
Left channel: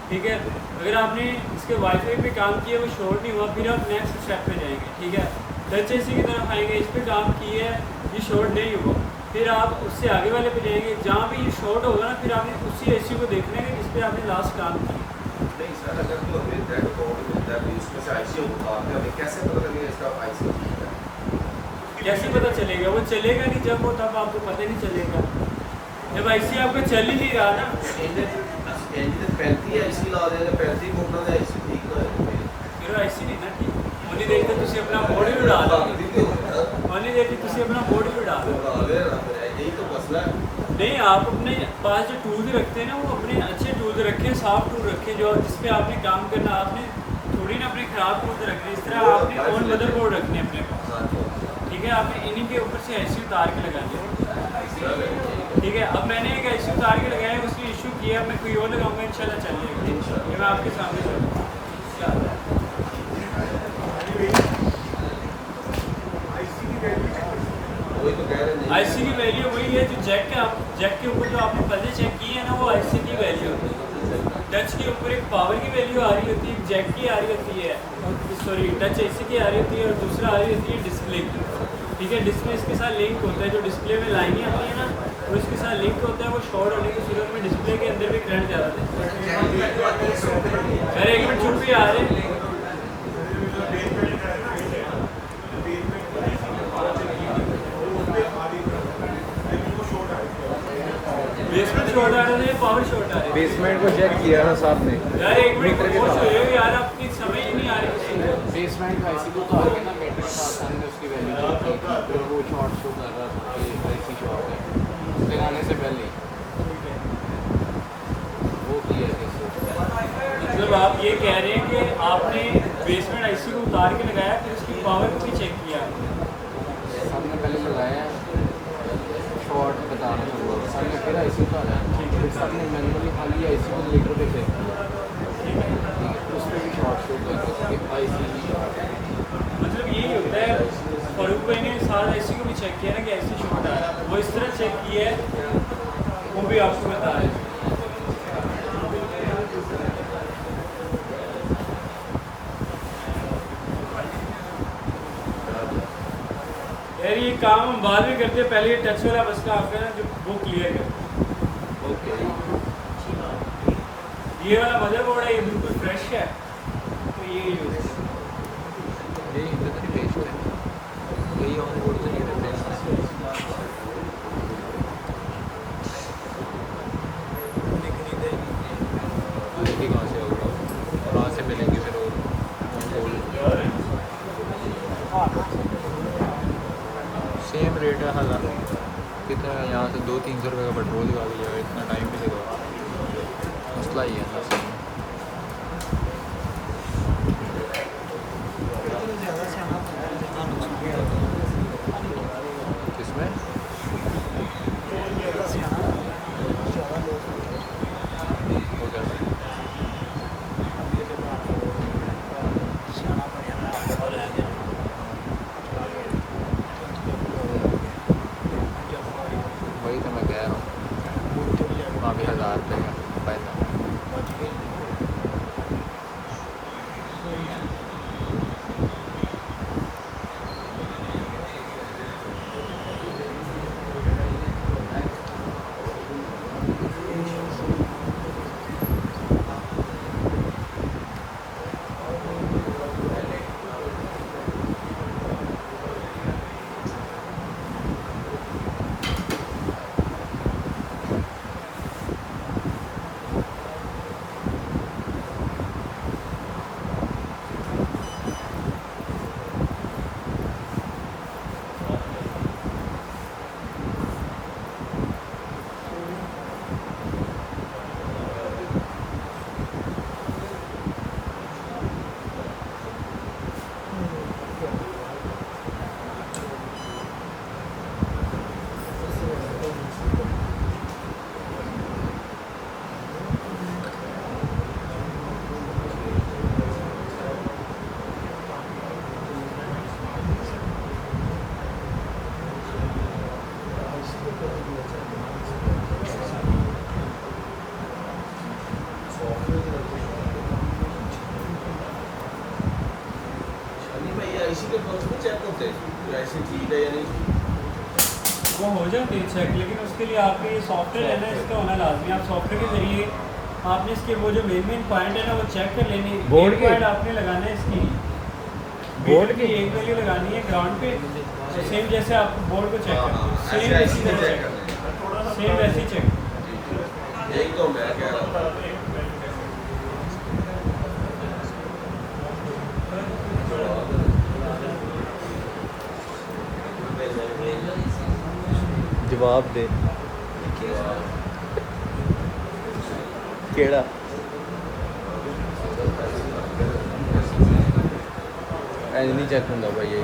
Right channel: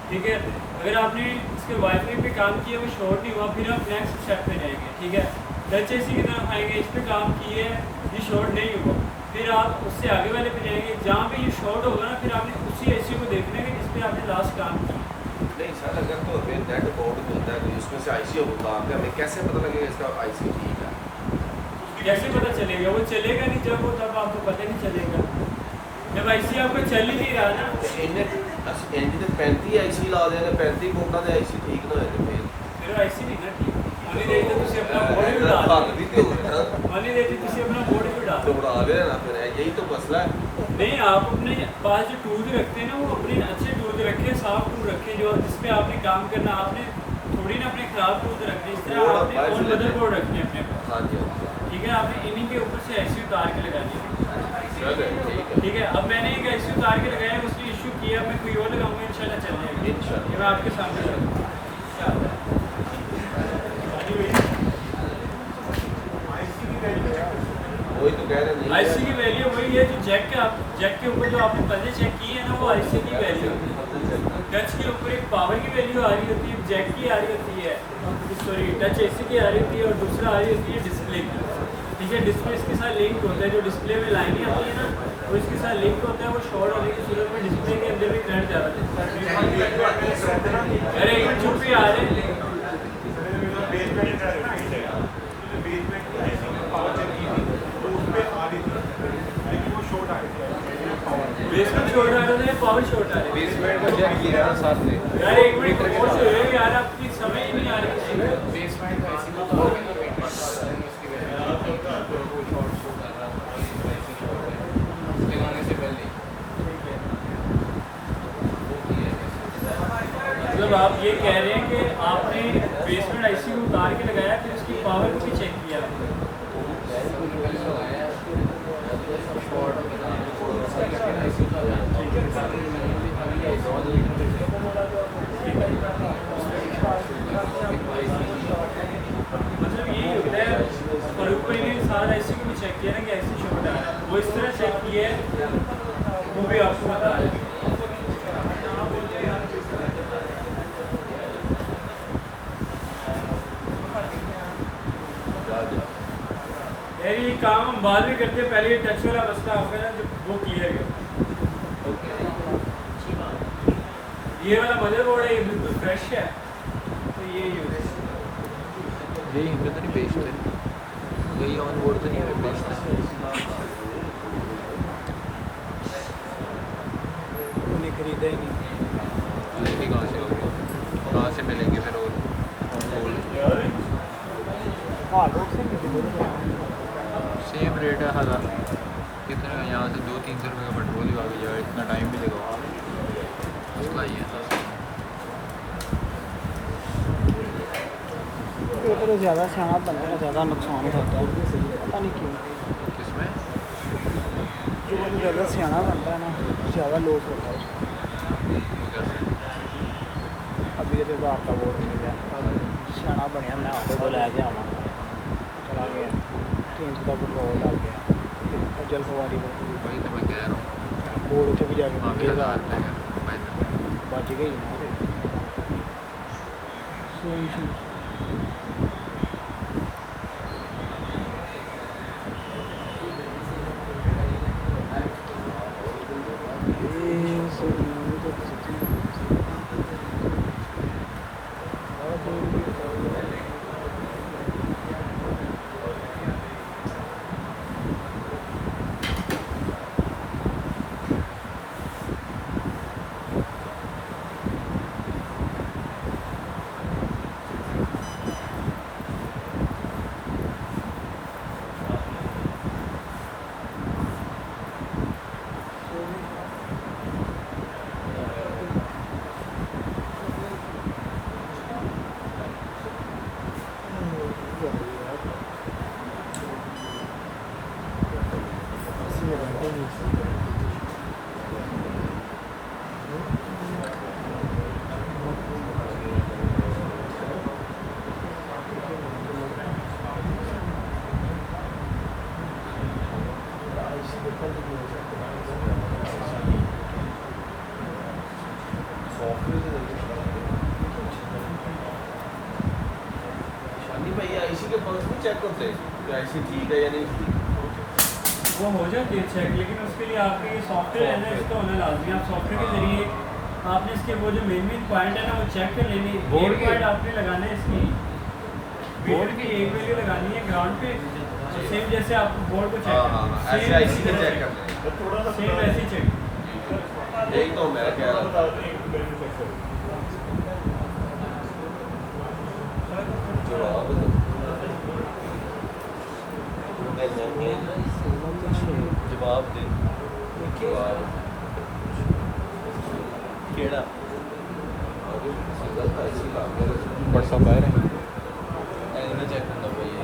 ठीक है। अगर आपने इसके वाईफाई पे काम किया, वो शॉर्ट नहीं हुआ, फिर आप नेक्स्ट स्टेप पे जाएंगे, ठीक है। टच एसी की तरफ आएंगे, इस पर काम किए, ये शॉर्ट नहीं हुआ, फिर आप उससे आगे वाले पे जाएंगे। जहाँ पे ये शॉर्ट होगा ना, फिर आपने उसी एसी को देखना है कि जिस पे आपने लास्ट काम किया। नहीं सर, अगर तो मिलता है तो बोर्ड मिलता है, इसमें से आईसी काम कर रहे, कैसे पता लगेगा इसका आईसी कैसे पता चलेगा? वो चलेगा नहीं जब वो, तब आपको पता नहीं चलेगा। जब आईसी आपका चल ही नहीं रहा ना, ਇਹਦੀ ਤਾਂ 35 ਆਈਸੀ ਲਾ ਦੇ, 35 ਬੋਕਾਂ ਦੇ ਆਈਸੀ ਠੀਕ ਨਾ ਹੋਏ फिर आईसी नहीं ना ठीक होनी देती, तो तुम अपना बोर्ड भी उड़ा दो, होनी देती तुम अपना बोर्ड भी उड़ा दो। यही तो मसला है। नहीं, आप अपने पास जो टूल रखते हैं ना, वो अपने अच्छे टूल रखें, साफ टूल रखें, जो जिसपे आपने काम करना। आपने थोड़ी ना अपने ख़राब टूल रखने, इस तरह आपने ऑन मदरबोर्ड रखने अपने पास, ठीक है। आपने इन्हीं के ऊपर से आईसी उतार के लगा दिया, ठीक है। अब मैंने एक आईसी उतार के लगाया, उसने इशू किया, मैं कोई और लगाऊंगा, इंशाल्लाह चल जाएगा। ये मैं आपके सामने लगाऊंगा। वही तो कह रहे हैं। आईसी की वैल्यू वही है जो जैक के ऊपर जो आपने पहले चेक किए हैं ना, वो आईसी की वैल्यू होती है। टच के ऊपर एक पावर की वैल्यू आ रही होती है, एक जैक की आ रही होती है, सॉरी टच एसी की आ रही होती है, और दूसरा आ रही होती है डिस्प्ले की, ठीक है। डिस्प्ले इसके साथ लिंक होता है, जो डिस्प्ले में लाइनें आती है ना, वो इसके साथ लिंक होता है। वो शॉर्ट होने की सूरत में डिस्प्ले के अंदर भी करंट जा रहा था। अरे एक मिनट चुप ही आ रहे। बेसमेंट शॉर्ट आ रहा था या पावर शॉर्ट आ रही है? बेसमेंट को चेक किया ना साहब ने। यार एक मिनट खामोश हो जाओ यार, आपकी समझ ही नहीं आ रही। बेसमेंट का ऐसी को तो आगे ना पेट आता है, उसकी वैल्यू वो शॉर्ट शो कर रहा है, ऐसी शॉर्ट है लगाने से पहले वो किया है। मतलब आप ये कह रहे हैं कि आपने बेसमेंट आईसी को उतार के लगाया, फिर उसकी पावर को भी चेक किया? हमने पहले लगाया शॉर्ट बता सारी पहले ऐसे होता है, ठीक है। सारी मैंने खाली ऐसे मीटर पे थे, ठीक है, उसमें भी शॉर्ट शो कर ऐसी मतलब यही होता है। फारूक भाई ने सारा आईसी को भी चेक किया ना कि आईसी शॉर्ट आ रहा है, वो इस तरह चेक किया है, वो भी आपको बता रहे हैं। यार ये काम हम बाद में करते हैं, पहले ये टच वाला मसला आता है ना, जो वो क्लियर कर। ये वाला मदरबोर्ड है, ये बिल्कुल फ्रेश है, तो ये यूज है। यही इधर नहीं बेस है, यही ऑन बोर्ड तो नहीं है, बेस है। लेके कहाँ से होगी, कहाँ से मिलेंगे फिर और ऑन बोर्ड? सेम रेट है, 1000 कितना है यहाँ से 200-300 रुपये का पेट्रोल ही आ गया, इतना टाइम भी लगा, मसला ही है ना। तो ज़्यादा खाना पड़ता है, ज़्यादा नुकसान होता है, पता नहीं क्यों। इसमें ज़्यादा सियाना होता है, ज़्यादा लोग होता है। वो कैसे अभी तो आपका वो सियाना बनना आपके को ला जाना तो इनका भी होगा। जब वही तो मैं कह रहा हूँ, बोर्ड के भी वहाँ पे 1000 रुपये का पैसा बच गई। है या नहीं? वो हो जाती है चेक, लेकिन उसके लिए आपके ये सॉफ्टवेयर है ना, इसका होना लाजमी है। आप सॉफ्टवेयर के ज़रिए आपने इसके वो जो मेन पॉइंट है ना वो चेक कर लेने। मेन पॉइंट आपने लगाना है इसकी मीटर की एक वैल्यू लगानी है ग्राउंड पे, और सेम जैसे आप बोर्ड को चेक करना है सेम ऐसे इसी तरह चेक चेक करना है। सेम वैसे ही चेक। यही तो मैं कह रहा हूँ। जवाब दे केड़ा ऐसे नहीं चेक करना भाई ये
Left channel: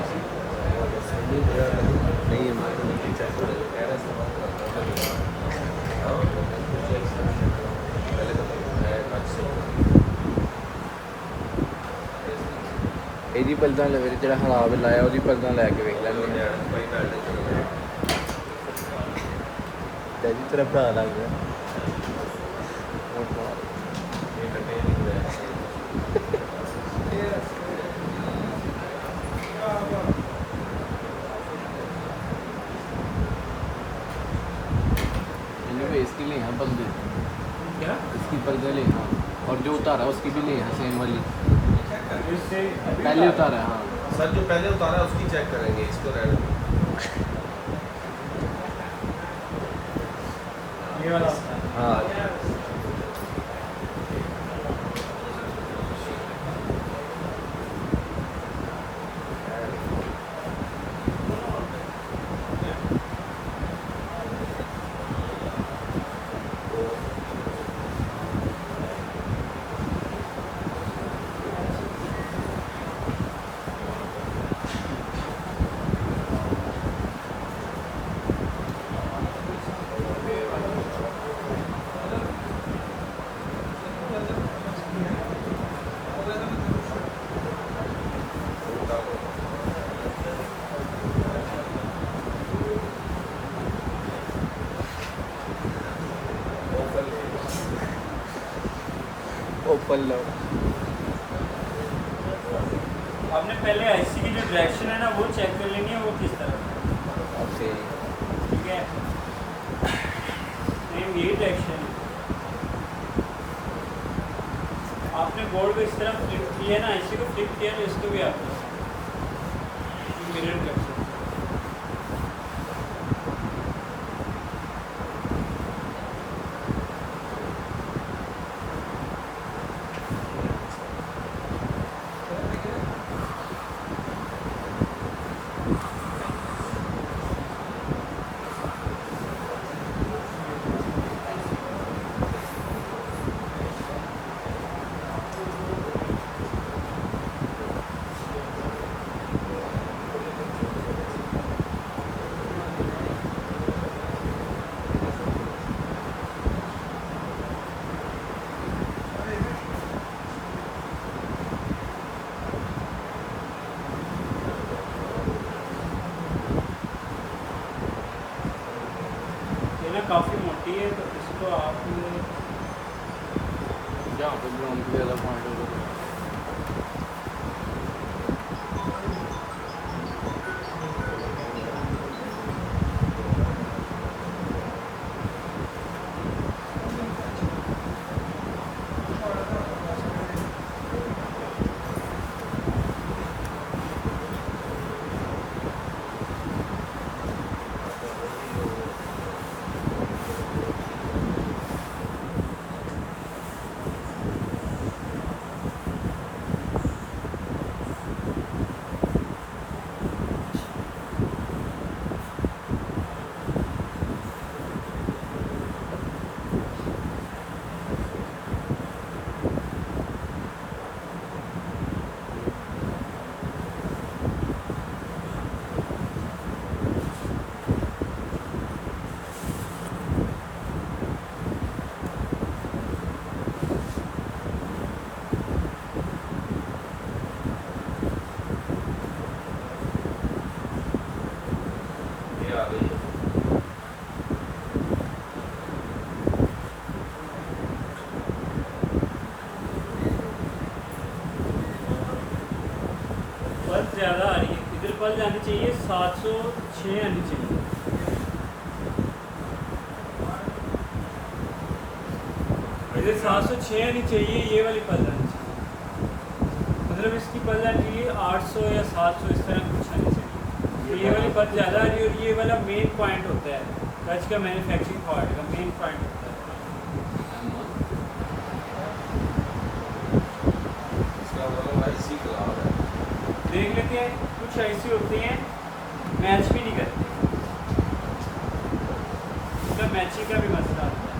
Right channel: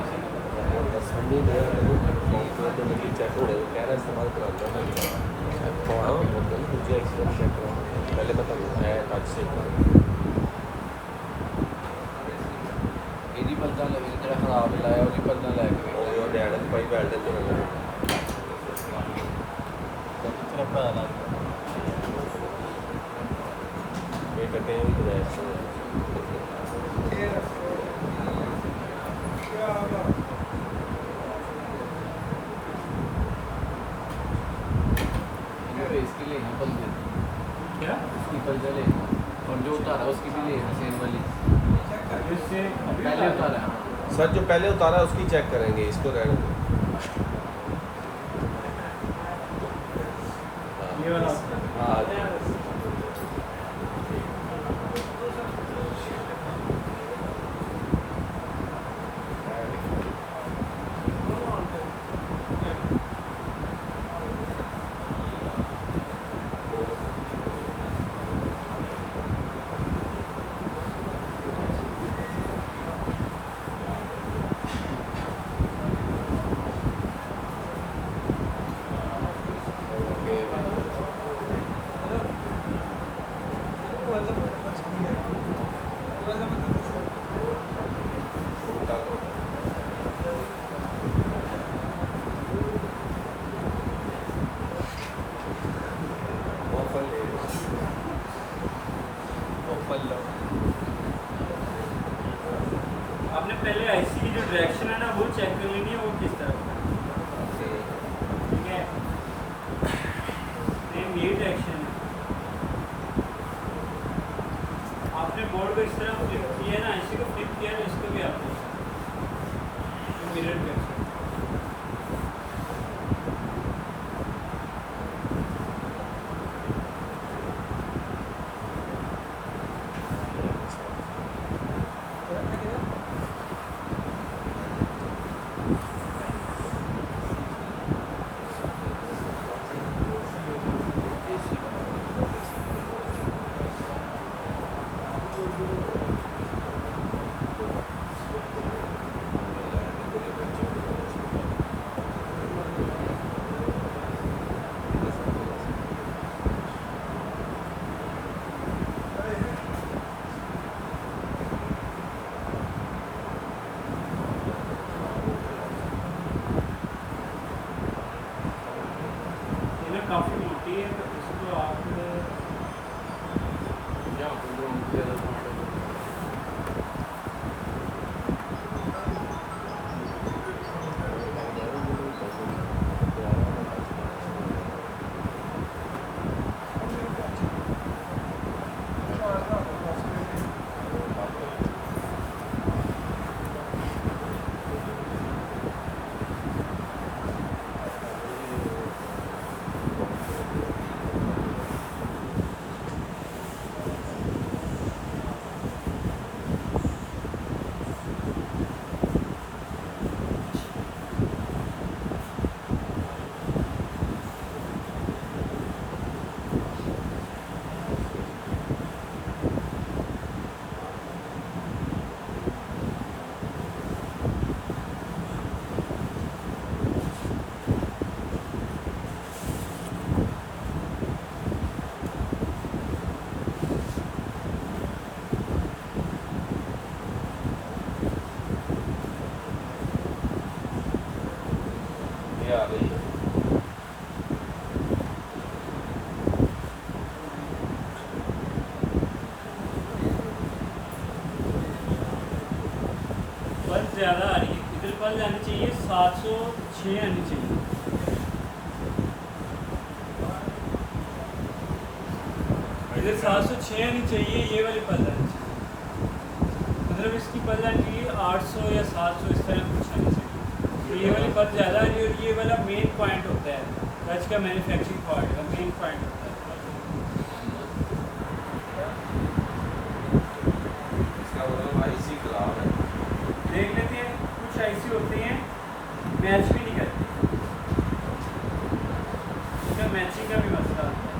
ਇਹਦੀ ਪਲਦਾਂ ਲੈ ਜਿਹੜਾ ਖਰਾਬ ਲਾਇਆ ਉਹਦੀ ਪਲਦਾਂ ਲੈ ਕੇ ਵੇਖ ਲੈਂਦੇ ਤੇਰਾ ਭਰਾ ਲੱਗ इसकी ले यहाँ बंदे क्या इसकी बंदे लेना और जो उतारा उसकी भी लेना सेम वाली इससे अभी पहले उतारा है हाँ सर जो पहले उतारा है उसकी चेक करेंगे, इसको रहने दो। ये वाला होता है। हाँ आपने पहले आईसी की जो डायरेक्शन है ना वो चेक कर लेनी है, वो किस तरह ठीक है। सेम ये डायरेक्शन आपने बोर्ड को इस तरह फ्लिप किया ना, आईसी को फ्लिप किया ना, इसको भी आपने मिरर कर सकते। काफ़ी मोटी है तो इसको आप यहाँ पे ग्राउंड पे अलग पॉइंट होगा पल्स ज़्यादा आ रही है, इधर पल्स आनी चाहिए 700 6 आनी चाहिए। इधर 706 आनी चाहिए, ये वाली पल आनी चाहिए। मतलब इसकी पल आनी चाहिए 800 या 700 इस तरह कुछ आनी चाहिए। तो ये वाली पल ज़्यादा आ रही है और ये वाला मेन पॉइंट होता है टच का, मैन्युफैक्चरिंग पार्ट का मेन पॉइंट होता है। इसका मतलब आईसी खराब है। देख लेते हैं, कुछ ऐसी होती हैं मैच भी नहीं करती, तो मैचिंग का भी मसला होता है।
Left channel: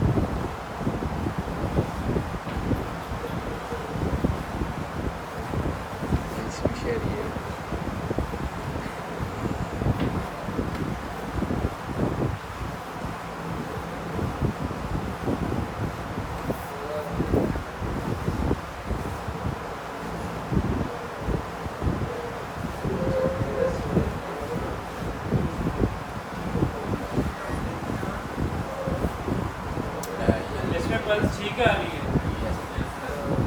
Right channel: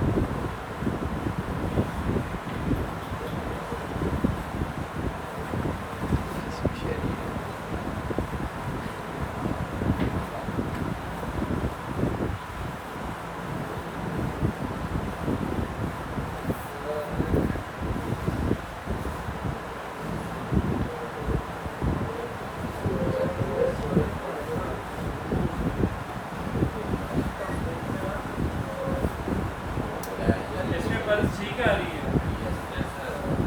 इसमें पल्स ठीक आ रही है,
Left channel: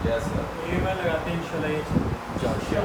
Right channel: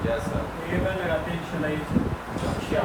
कैसा ये बार लगाते हैं इंशाल्लाह ये चीज़। अच्छा